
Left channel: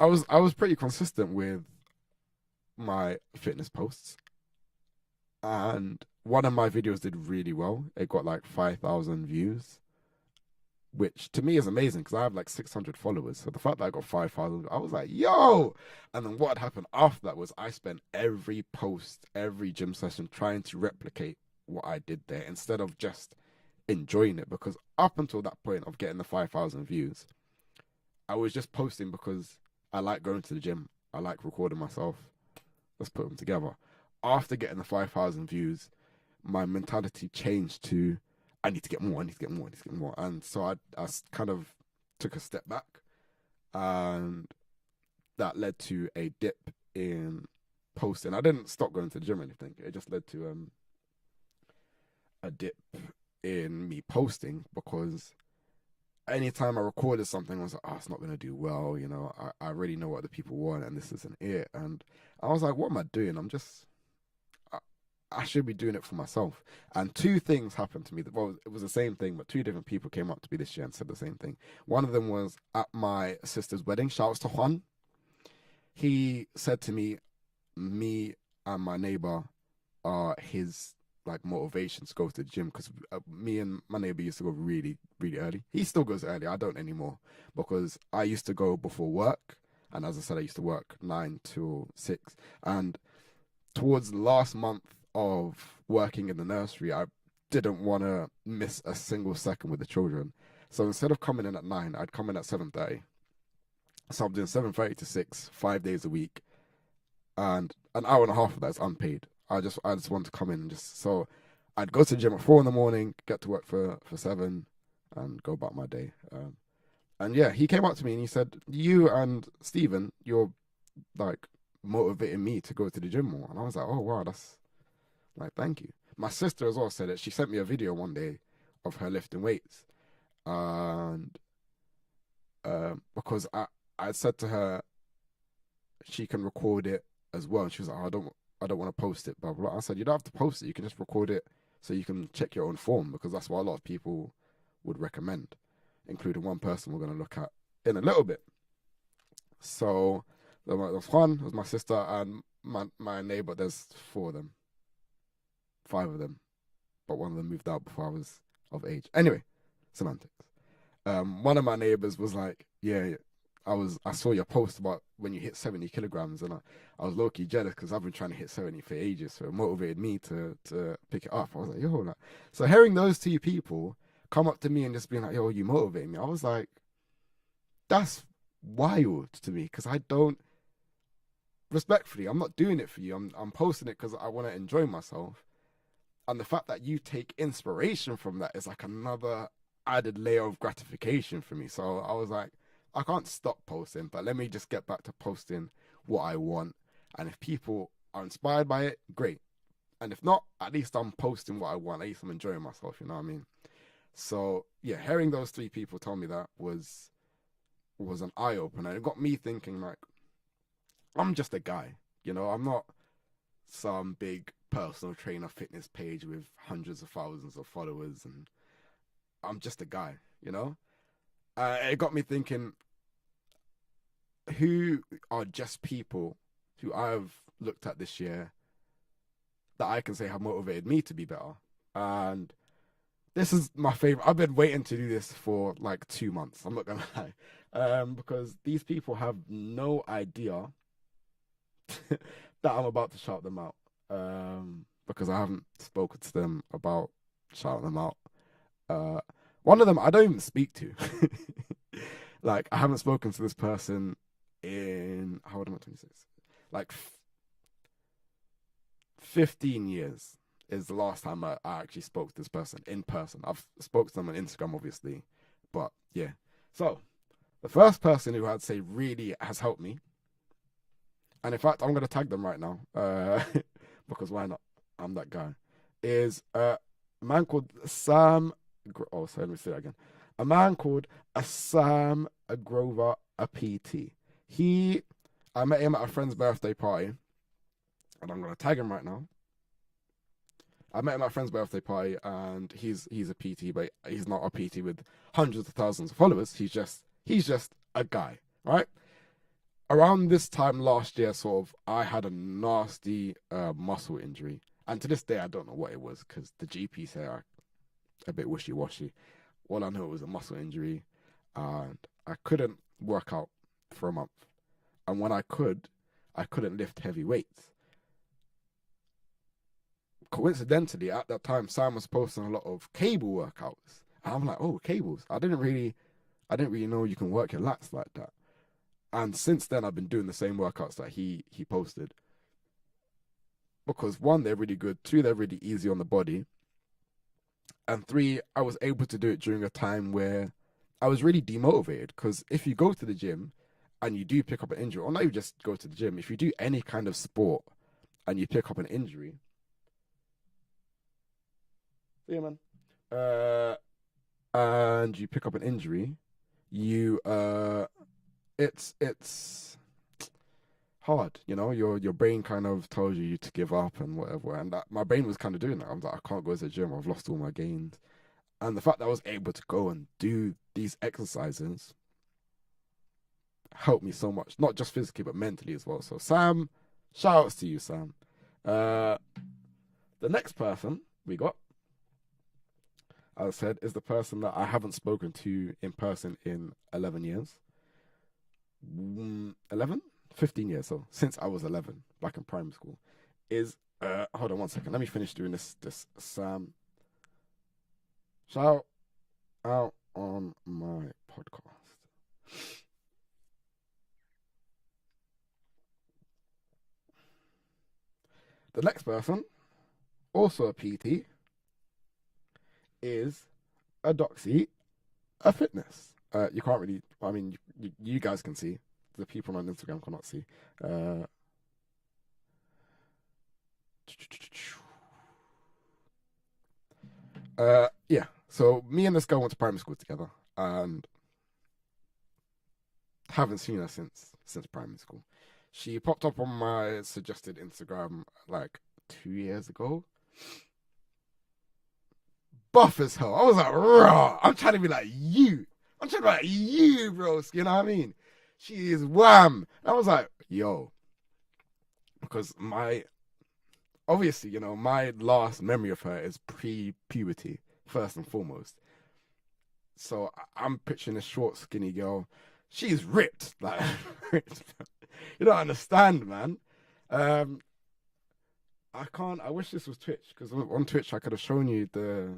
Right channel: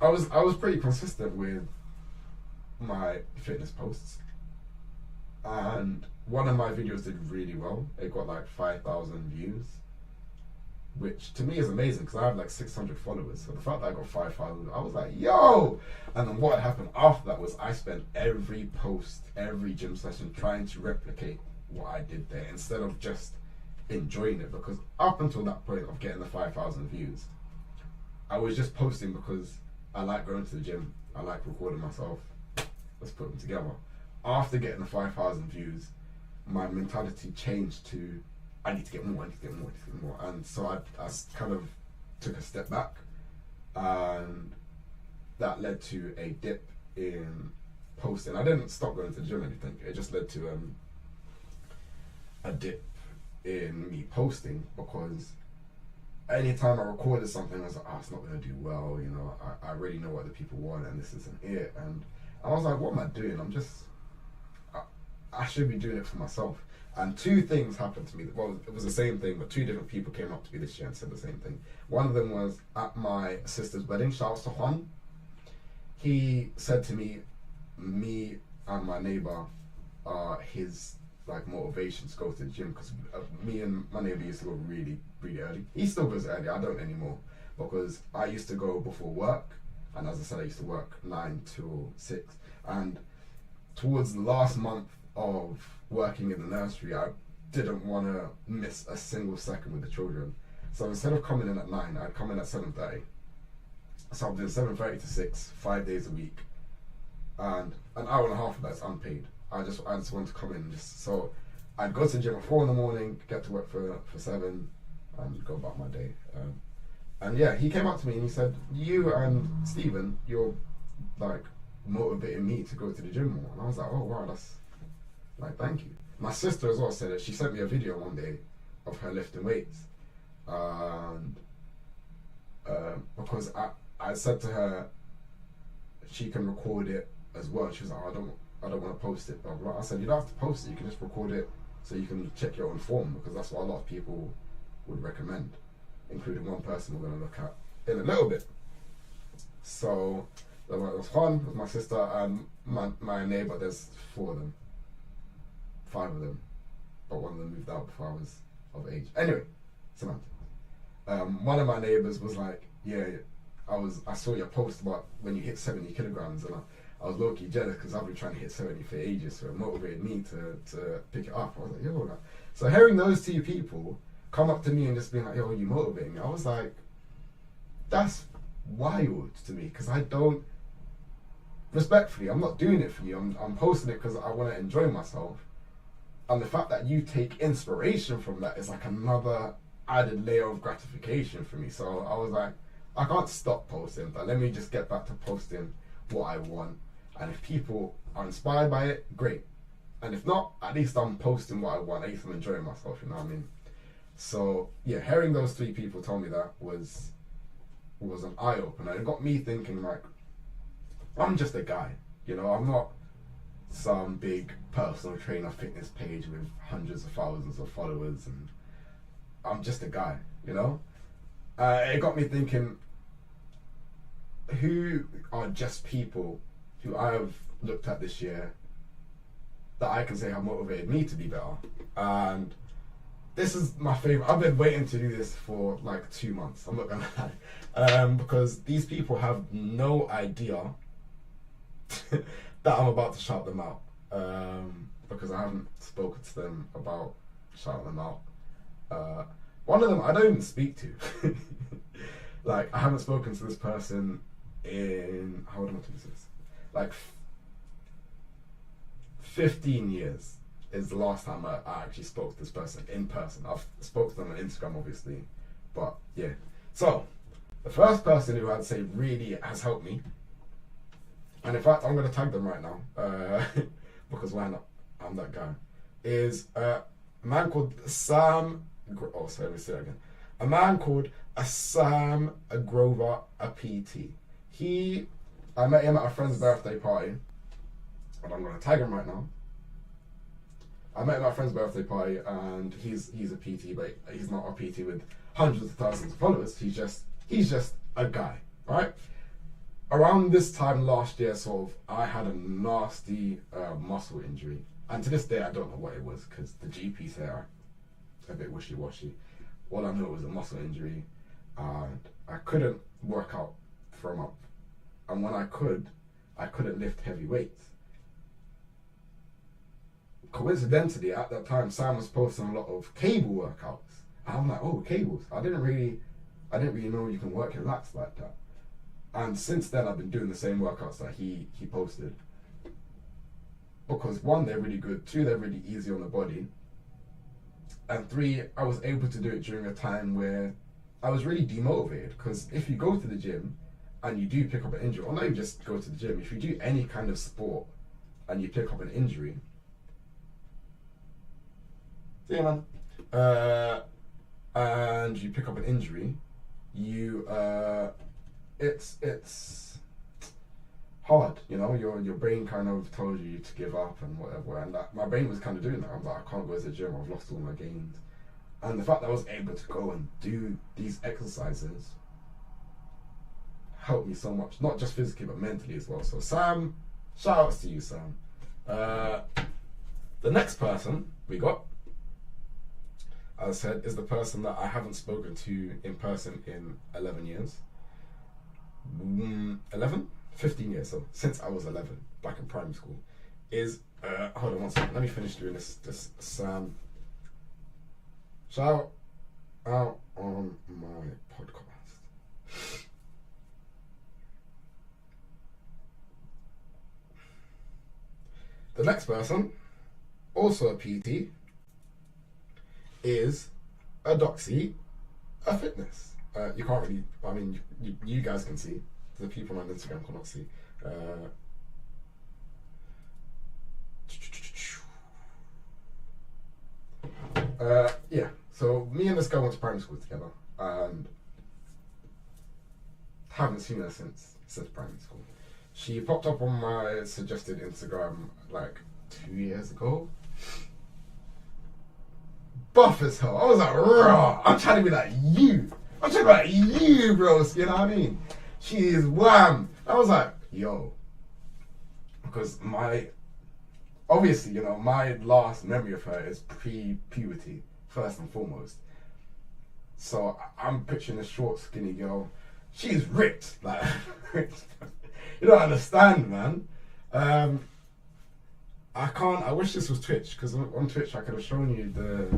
I was pretty consistent with my fitness posts, and one of my videos did really well. It got like 5,000 views, which to me is amazing because I have like 600 followers. So the fact that I got 5,000, I was like, yo! And then what happened after that was I spent every post, every gym session trying to replicate what I did there instead of just enjoying it. Because up until that point of getting the 5,000 views, I was just posting because I like going to the gym. I like recording myself. Let's put them together. After getting the 5,000 views, my mentality changed to I need to get more, I need to get more, I need to get more. And so I kind of took a step back, and that led to a dip in posting. I didn't stop going to the gym or anything. It just led to a dip in me posting because anytime I recorded something, I was like, it's not going to do well, you know, I already know what the people want and this isn't it. And I was like, what am I doing? I should be doing it for myself. And two things happened to me. Well, it was the same thing, but two different people came up to me this year and said the same thing. One of them was at my sister's wedding. Shouts to Juan. He said to me and my neighbor are his like motivation to go to the gym because me and my neighbor used to go really, really early. He still goes early. I don't anymore because I used to go before work, and as I said, I used to work 9 till 6. And towards the last month of working in the nursery, I didn't want to miss a single second with the children. So instead of coming in at 9, I'd come in at 7:30. So I'm doing 7:30 to 6, 5 days a week, and an hour and a half of that's unpaid. I just want to come in so I'd go to the gym at 4 in the morning, get to work for 7, and go about my day. And yeah, he came up to me and he said, "You and Stephen, you're like motivating me to go to the gym more." And I was like, "Oh wow, that's like, thank you." My sister as well said it. She sent me a video one day of her lifting weights, and because I said to her she can record it as well. She was like, "Oh, I don't want to post it." Blah, blah, blah. I said, "You don't have to post it. You can just record it so you can check your own form," because that's what a lot of people would recommend, including one person we're going to look at in a little bit. So there was Juan, there was my sister, and my neighbor. There's 4 of them. 5 of them, but one of them moved out before I was of age. Anyway, semantics. One of my neighbors was like, "Yeah, I saw your post about when you hit 70 kilograms, and I was low-key jealous because I've been trying to hit 70 for ages, so it motivated me to pick it up." I was like, yo, like, so hearing those 2 people come up to me and just being like, "Yo, you motivate me," I was like, that's wild to me because I don't, respectfully, I'm not doing it for you. I'm posting it because I want to enjoy myself. And the fact that you take inspiration from that is like another added layer of gratification for me. So I was like, I can't stop posting, but let me just get back to posting what I want. And if people are inspired by it, great. And if not, at least I'm posting what I want. At least I'm enjoying myself, you know what I mean? So yeah, hearing those 3 people tell me that was an eye-opener. It got me thinking like, I'm just a guy, you know, I'm not some big personal trainer fitness page with hundreds of thousands of followers, and I'm just a guy, you know? It got me thinking, who are just people who I've looked at this year that I can say have motivated me to be better? And this is my favorite. I've been waiting to do this for like 2 months. I'm not gonna lie. Because these people have no idea that I'm about to shout them out. Because I haven't spoken to them about shouting them out. One of them I don't even speak to. Like, I haven't spoken to this person in, how old am I to this? Like 15 years is the last time I actually spoke to this person in person. I've spoken to them on Instagram, obviously, but yeah. So, the first person who I'd say really has helped me, and in fact, I'm going to tag them right now, because why not? I'm that guy, is a man called Sam, oh, sorry, let me say that again. A man called Sam Grover, a PT. I met him at a friend's birthday party, and I'm going to tag him right now. I met him at a friend's birthday party, and he's a PT, but he's not a PT with hundreds of thousands of followers. He's just a guy, right? Around this time last year, sort of, I had a nasty muscle injury, and to this day I don't know what it was, because the GP said a bit wishy-washy. All I know was a muscle injury, and I couldn't work out for a month, and when I couldn't lift heavy weights. Coincidentally, at that time, Sam was posting a lot of cable workouts. And I'm like, oh, cables. I didn't really know you can work your lats like that. And since then, I've been doing the same workouts that he posted. Because 1, they're really good. 2, they're really easy on the body. And 3, I was able to do it during a time where I was really demotivated. Because if you go to the gym and you do pick up an injury, or not even just go to the gym, if you do any kind of sport and you pick up an injury, and you pick up an injury, it's hard, you know. Your brain kind of tells you to give up and whatever, and my brain was kind of doing that. I was like, I can't go to the gym, I've lost all my gains. And the fact that I was able to go and do these exercises helped me so much, not just physically but mentally as well. So Sam, shout outs to you, Sam. The next person we got, as I said, is the person that I haven't spoken to in person in 11 years. 15 years, so since I was 11, back in primary school, is, hold on one second, let me finish doing this Sam. Shout out on my podcast. The next person, also a PT, is a Doxy, a fitness. You can't really, I mean, you guys can see. The people on Instagram cannot see. Yeah, so me and this girl went to primary school together, and haven't seen her since primary school. She popped up on my suggested Instagram like 2 years ago. Buff as hell. I was like, raw. I'm trying to be like you. I'm trying to be like you, bros. You know what I mean? She is wham. I was like, yo. Because obviously, you know, my last memory of her is pre-puberty, first and foremost. So I'm picturing this short, skinny girl. She's ripped. Like, you don't understand, man. I wish this was Twitch, because on Twitch I could have shown you the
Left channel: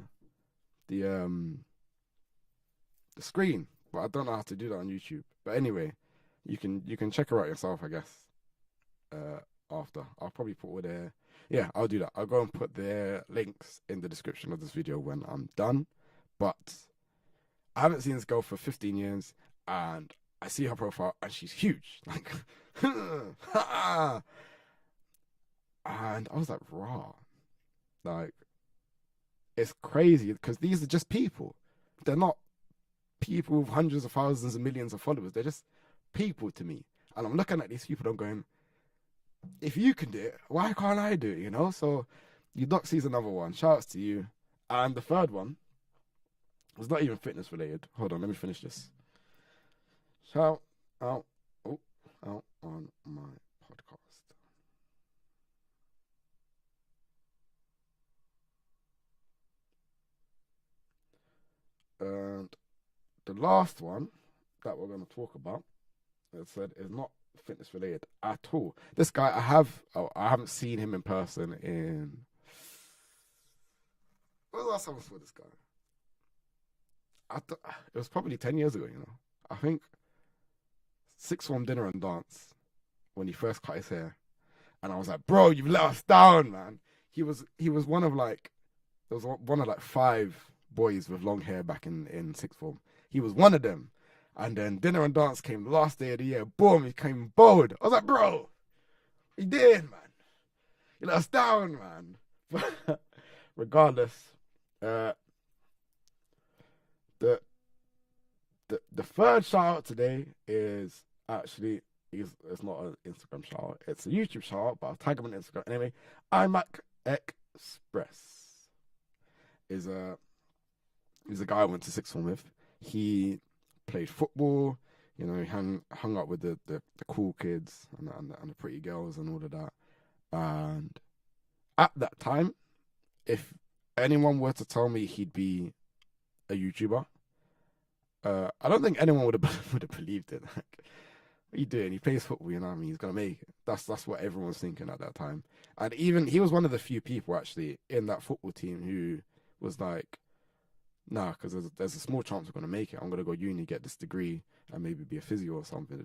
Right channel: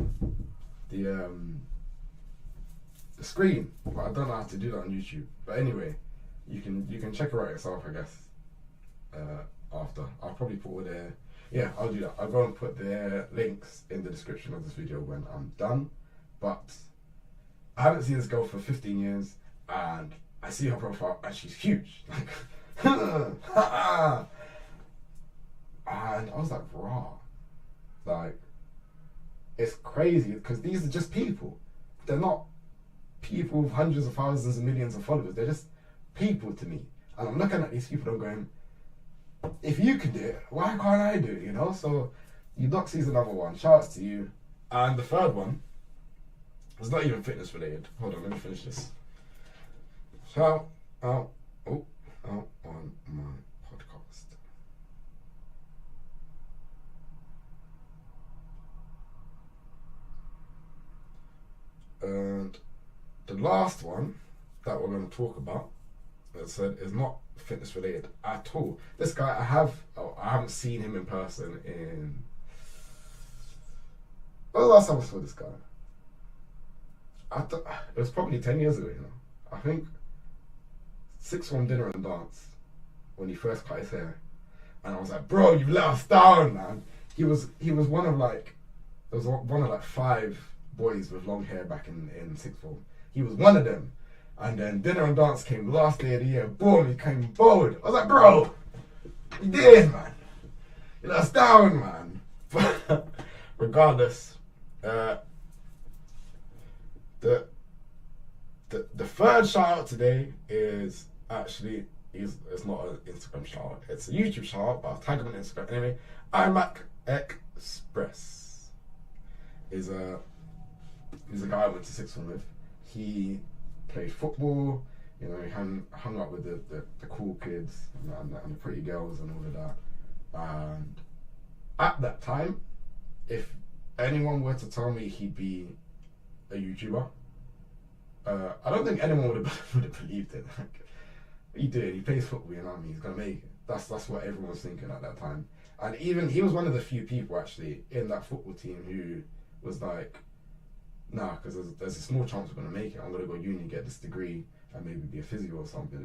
screen, but I don't know how to do that on YouTube. But anyway, you can check her out yourself, I guess. After I'll probably put all their, yeah, I'll do that. I'll go and put their links in the description of this video when I'm done. But I haven't seen this girl for 15 years, and I see her profile and she's huge. Like, and I was like, raw. Like, it's crazy, because these are just people. They're not people with hundreds of thousands and millions of followers. They're just people to me. And I'm looking at these people and I'm going, if you can do it, why can't I do it, you know? So, Eudoxy's another one. Shout outs to you. And the third one was not even fitness related. Hold on, let me finish this. Shout out on my podcast. And the last one that we're going to talk about, is not fitness related at all. This guy, I haven't seen him in person in. When was the last time I saw this guy? It was probably 10 years ago, you know. I think sixth form dinner and dance when he first cut his hair, and I was like, bro, you let us down, man. He was one of like, there was one of like 5 boys with long hair back in sixth form. He was one of them. And then dinner and dance came last day of the year. Boom, he came bold. I was like, bro, he did, man. You let us down, man. But regardless, the third shout out today is actually, it's not an Instagram shout out, it's a YouTube shout out, but I'll tag him on Instagram anyway. iMac Express is a guy I went to sixth form with. He played football, you know, he hung up with the cool kids and the pretty girls and all of that. And at that time, if anyone were to tell me he'd be a YouTuber, I don't think anyone would have believed it. Like, he did. He plays football, you know what I mean? He's gonna make it. That's what everyone was thinking at that time. And even he was one of the few people actually in that football team who was like, nah, because there's a small chance we're gonna make it. I'm gonna go uni, get this degree, and maybe be a physio or something.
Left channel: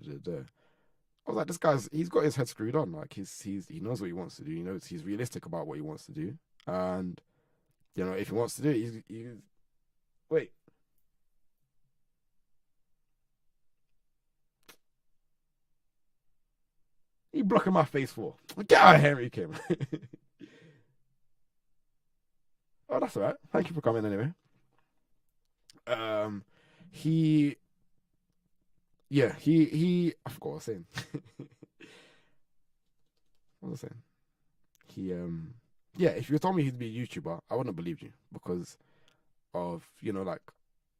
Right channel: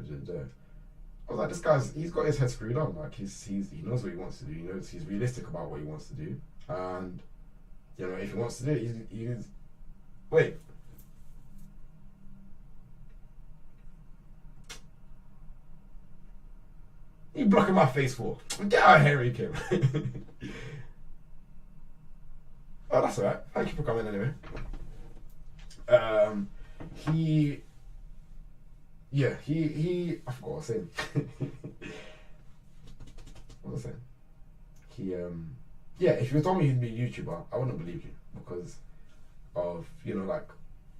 I was like, he's got his head screwed on. Like he knows what he wants to do. He knows he's realistic about what he wants to do, and you know if he wants to do it, he's wait. You blocking my face for? Get out of here, Kim. Oh, that's alright. Thank you for coming anyway. He I forgot what I was saying. What was I saying? If you told me he'd be a YouTuber, I wouldn't have believed you because of, you know, like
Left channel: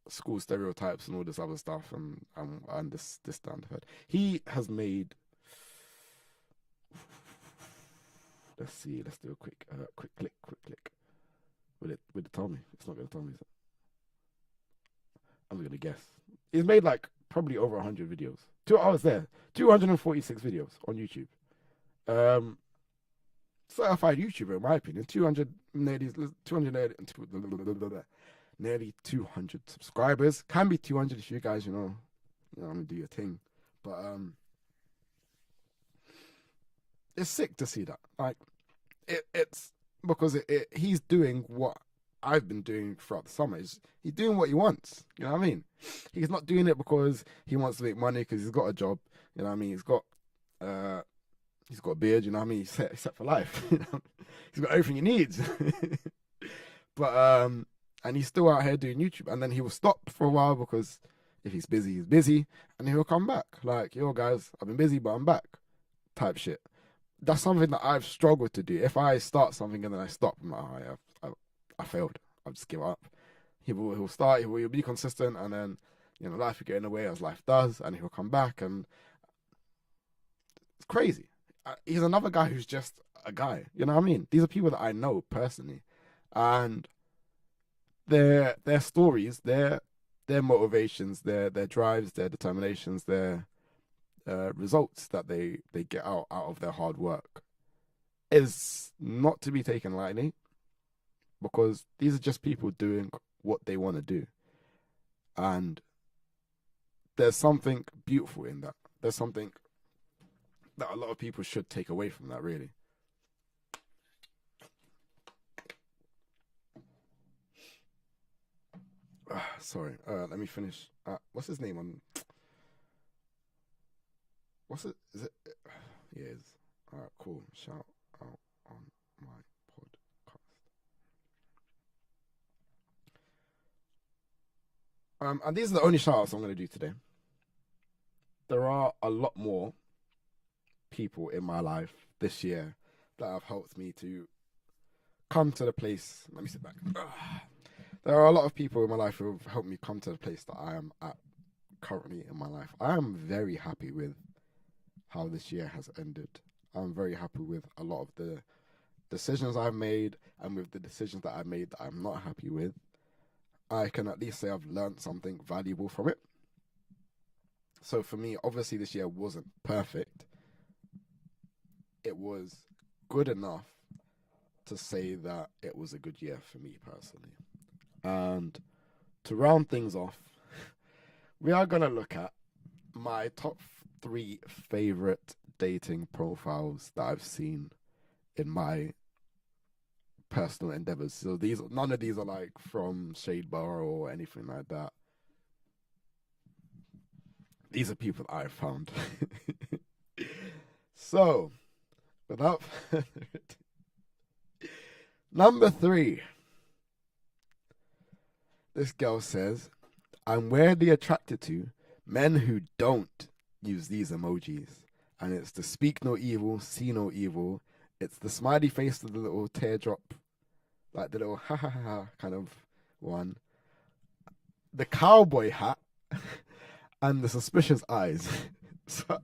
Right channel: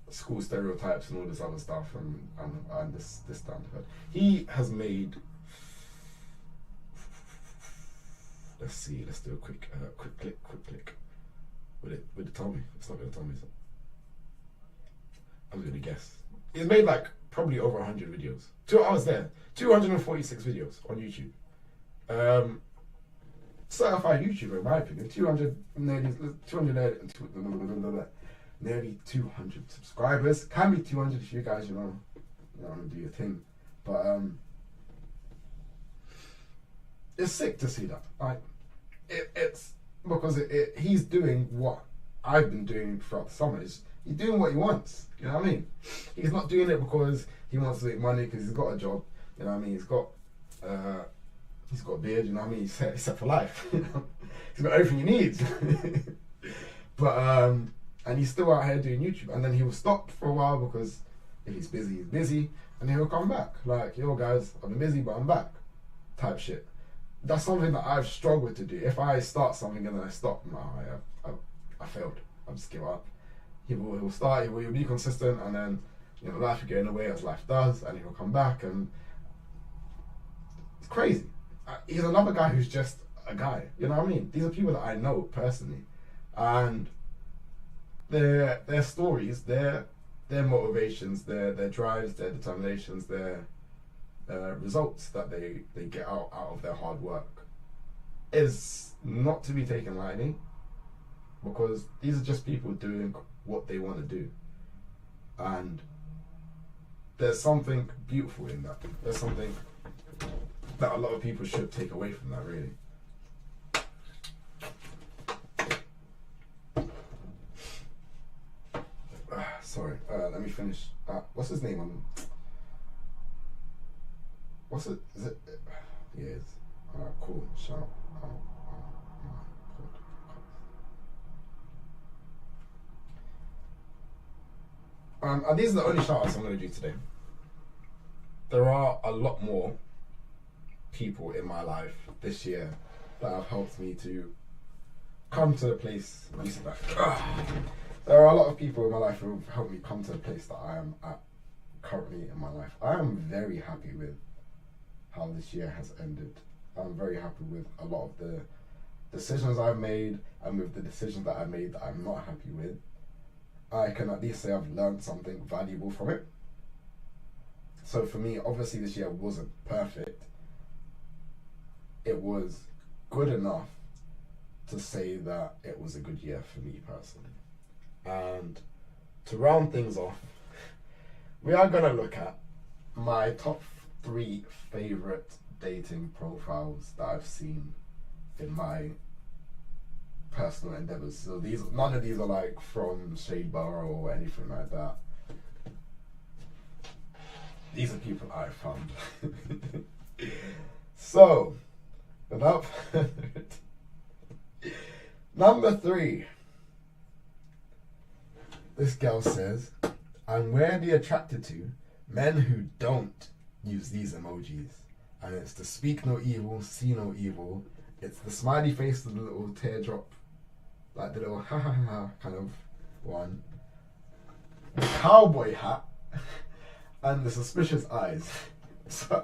school stereotypes and all this other stuff and this that and that. He has made, let's do a quick click. Will it tell me? It's not gonna tell me, is it? I'm gonna guess. He's made like probably over 100 videos. I was there. 246 videos on YouTube. Certified YouTuber in my opinion. Nearly 200 subscribers. Can be 200 if you guys, you know want to do your thing. But it's sick to see that. Like it's because he's doing what I've been doing throughout the summer. He's doing what he wants. You know what I mean? He's not doing it because he wants to make money because he's got a job. You know what I mean? He's got a beard. You know what I mean? He's set for life. He's got everything he needs. But and he's still out here doing YouTube. And then he will stop for a while because if he's busy, and he'll come back. Like, yo guys, I've been busy, but I'm back. Type shit. That's something that I've struggled to do. If I start something and then I stop, I failed. I'll just give up. He'll start, he'll be consistent, and then, you know, life will get in the way as life does, and he'll come back, and it's crazy. He's another guy who's just a guy. You know what I mean? These are people that I know personally, and their stories, their motivations, their drives, their determinations, their results that they get out of their hard work is not to be taken lightly, because these are just people doing what they want to do, and there's something beautiful in that. There's something that a lot of people should take away from that, really. Sorry, let me finish. What's his name on? What's it? Is it? Yeah, it is. Cool. Shout out. And these are the only shout-outs I'm going to do today. There are a lot more people in my life this year that have helped me to come to the place. Let me sit back. There are a lot of people in my life who have helped me come to the place that I am at currently in my life. I am very happy with how this year has ended. I'm very happy with a lot of the decisions I've made, and with the decisions that I made that I'm not happy with. I can at least say I've learned something valuable from it. So for me, obviously this year wasn't perfect. It was good enough to say that it was a good year for me personally. And to round things off, we are going to look at my top 3 favorite dating profiles that I've seen in my personal endeavors. So none of these are like from Shadeborough or anything like that. These are people I found. So, without further ado, number 3. This girl says, I'm weirdly attracted to men who don't use these emojis. And it's the speak no evil, see no evil. It's the smiley face with the little teardrop, like the little ha ha ha kind of one. The cowboy hat and the suspicious eyes. So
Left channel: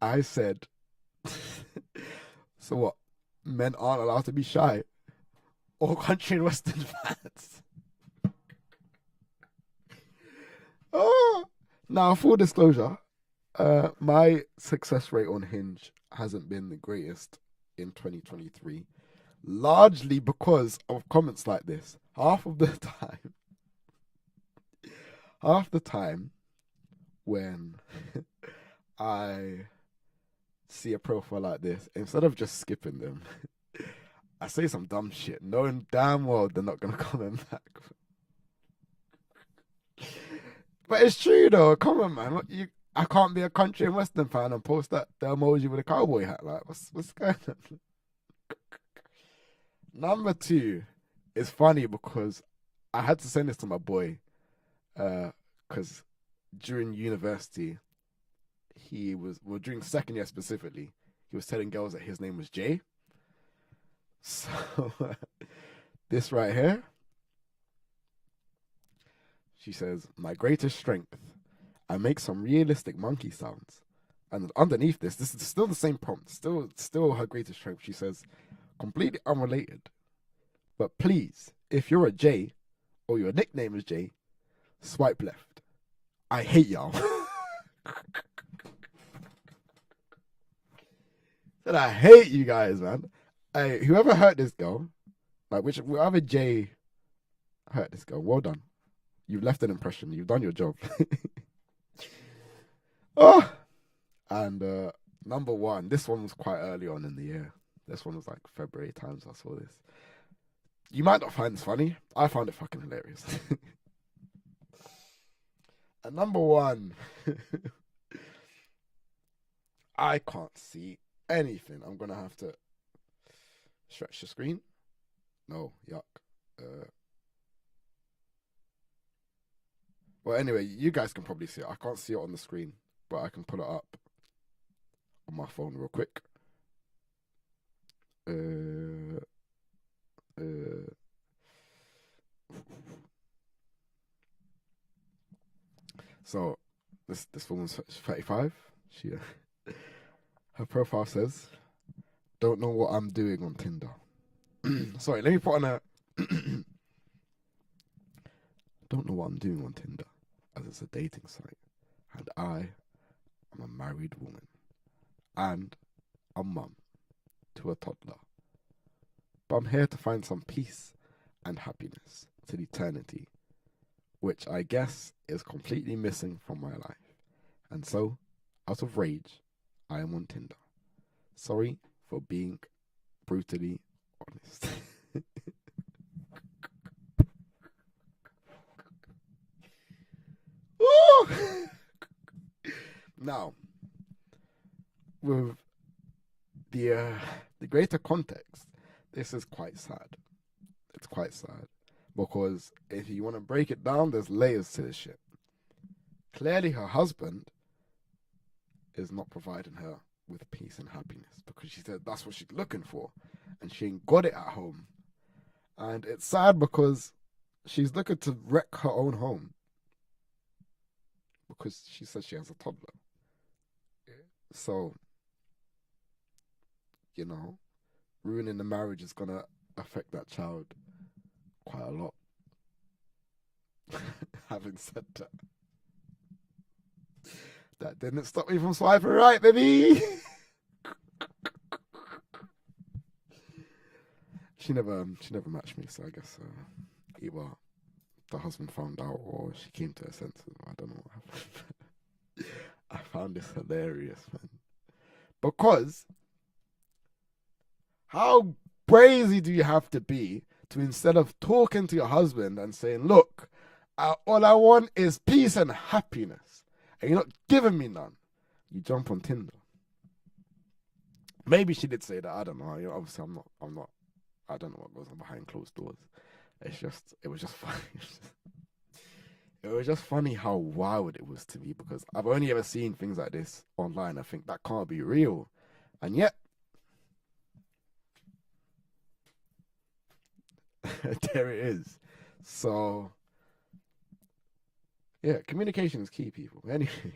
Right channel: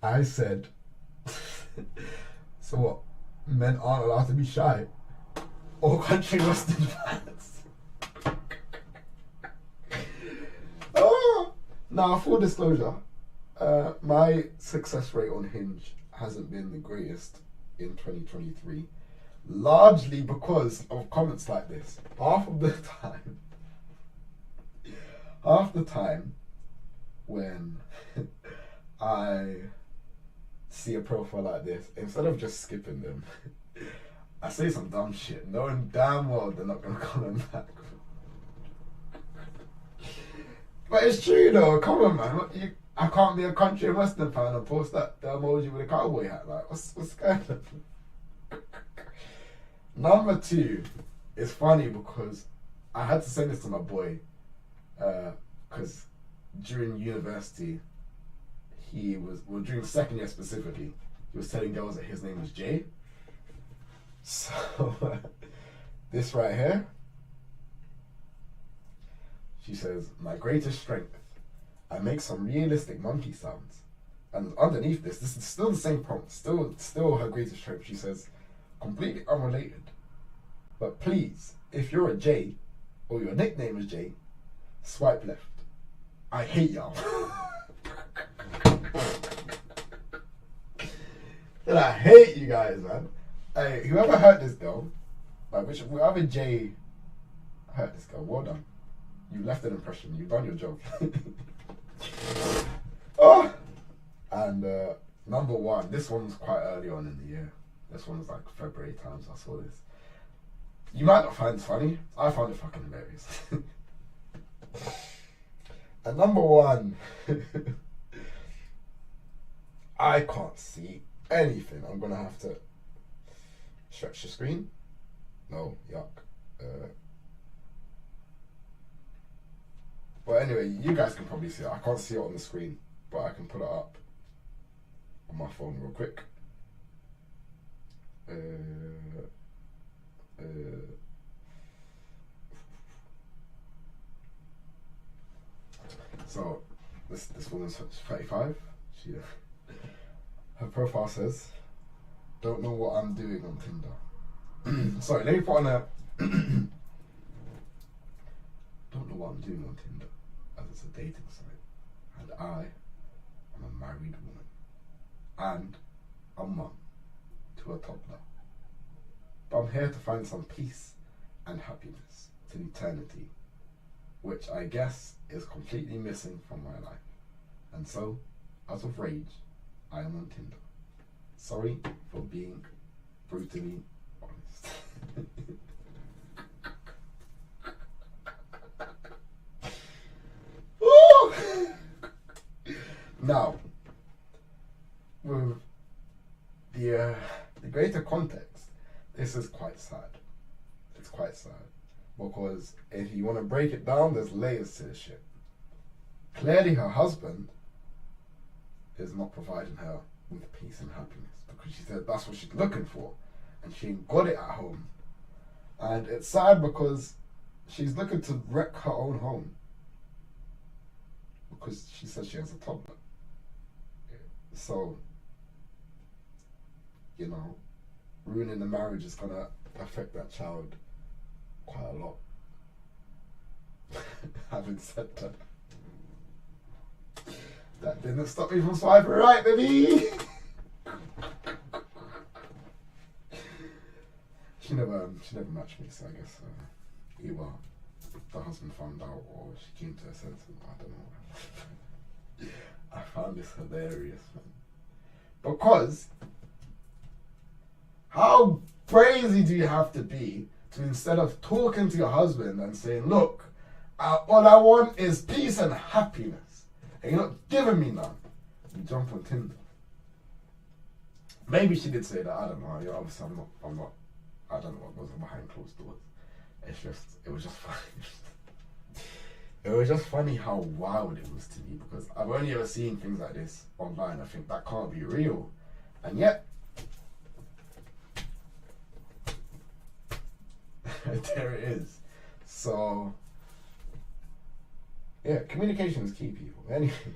I said, so what? Men aren't allowed to be shy? All country western fans. Oh. Now, full disclosure, my success rate on Hinge hasn't been the greatest in 2023, largely because of comments like this. Half the time when I see a profile like this, instead of just skipping them, I say some dumb shit, knowing damn well they're not gonna comment back. But it's true though. Come on, man. I can't be a country and western fan and post the emoji with a cowboy hat. Like, what's going on? Number 2 is funny because I had to send this to my boy, because during university, during second year specifically, he was telling girls that his name was Jay. So, this right here, she says, my greatest strength, I make some realistic monkey sounds. And underneath this is still the same prompt, still her greatest strength. She says, completely unrelated, but please, if you're a J, or your nickname is J, swipe left. I hate y'all. And I hate you guys, man. Hey, whoever hurt this girl, whoever Jay hurt this girl, well done. You've left an impression. You've done your job. Oh, and number 1. This one was quite early on in the year. This one was like February times I saw this. You might not find this funny. I found it fucking hilarious. And number 1, I can't see anything. I'm gonna have to stretch the screen. No, yuck. Well, anyway, you guys can probably see it. I can't see it on the screen, but I can pull it up on my phone real quick. So, this woman's 35. Her profile says, don't know what I'm doing on Tinder. Sorry, let me put on a... don't know what I'm doing on Tinder, as it's a dating site. And I am a married woman. And a mum to a toddler. But I'm here to find some peace and happiness till eternity, which I guess is completely missing from my life. And so, out of rage, I am on Tinder. Sorry for being brutally honest. Now, with the greater context, this is quite sad. It's quite sad. Because if you want to break it down, there's layers to this shit. Clearly her husband is not providing her with peace and happiness, because she said that's what she's looking for, and she ain't got it at home. And it's sad because she's looking to wreck her own home, because she says she has a toddler. So, you know, ruining the marriage is gonna affect that child quite a lot. Having said that, That didn't stop me from swiping right, baby. She never matched me, so I guess either the husband found out or she came to her senses. I don't know. I found this hilarious, man. Because how crazy do you have to be to, instead of talking to your husband and saying, look, all I want is peace and happiness, and you're not giving me none, you jump on Tinder. Maybe she did say that, I don't know. Obviously, I'm not, I don't know what goes on behind closed doors. It was just funny. It was just funny how wild it was to me, because I've only ever seen things like this online. I think that can't be real. And yet, there it is. So, yeah, communication is key, people. Anyway,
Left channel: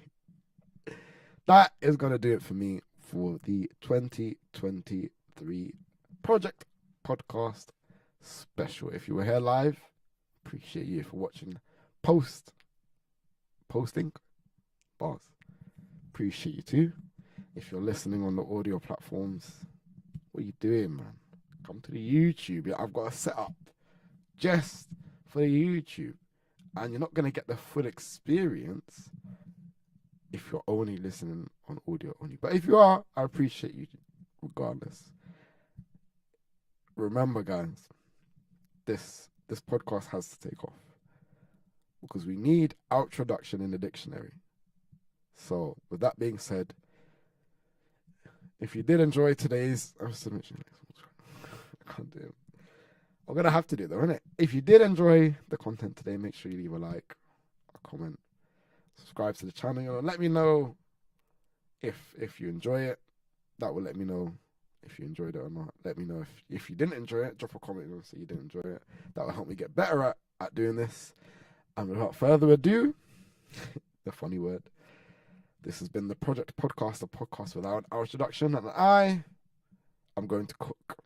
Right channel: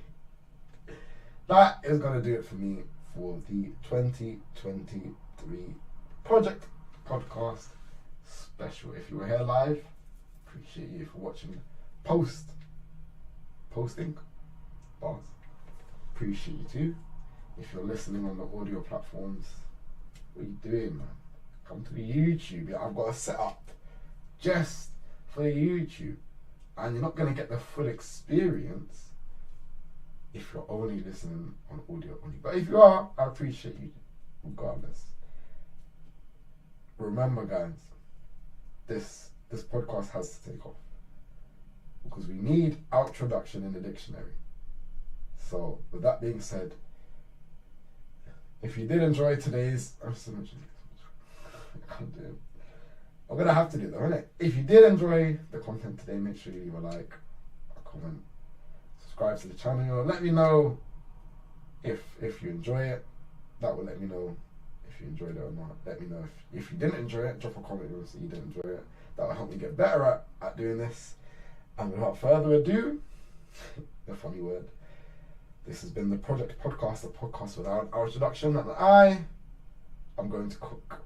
that is going to do it for me for the 2023 Project Podcast special. If you were here live, appreciate you for watching. Posting bars, appreciate you too. If you're listening on the audio platforms, what are you doing, man? Come to the YouTube. I've got a setup just for the YouTube, and you're not going to get the full experience if you're only listening on audio only. But if you are, I appreciate you regardless. Remember, guys, this podcast has to take off, because we need outroduction in the dictionary. So, with that being said, if you did enjoy today's... I'm going to have to do it though, innit? If you did enjoy the content today, make sure you leave a like, a comment, subscribe to the channel. Let me know if you enjoy it. That will let me know if you enjoyed it or not. Let me know if you didn't enjoy it. Drop a comment and say you didn't enjoy it. That will help me get better at doing this. And without further ado, the funny word, this has been the Project Podcast, a podcast without an introduction, and I am going to cook.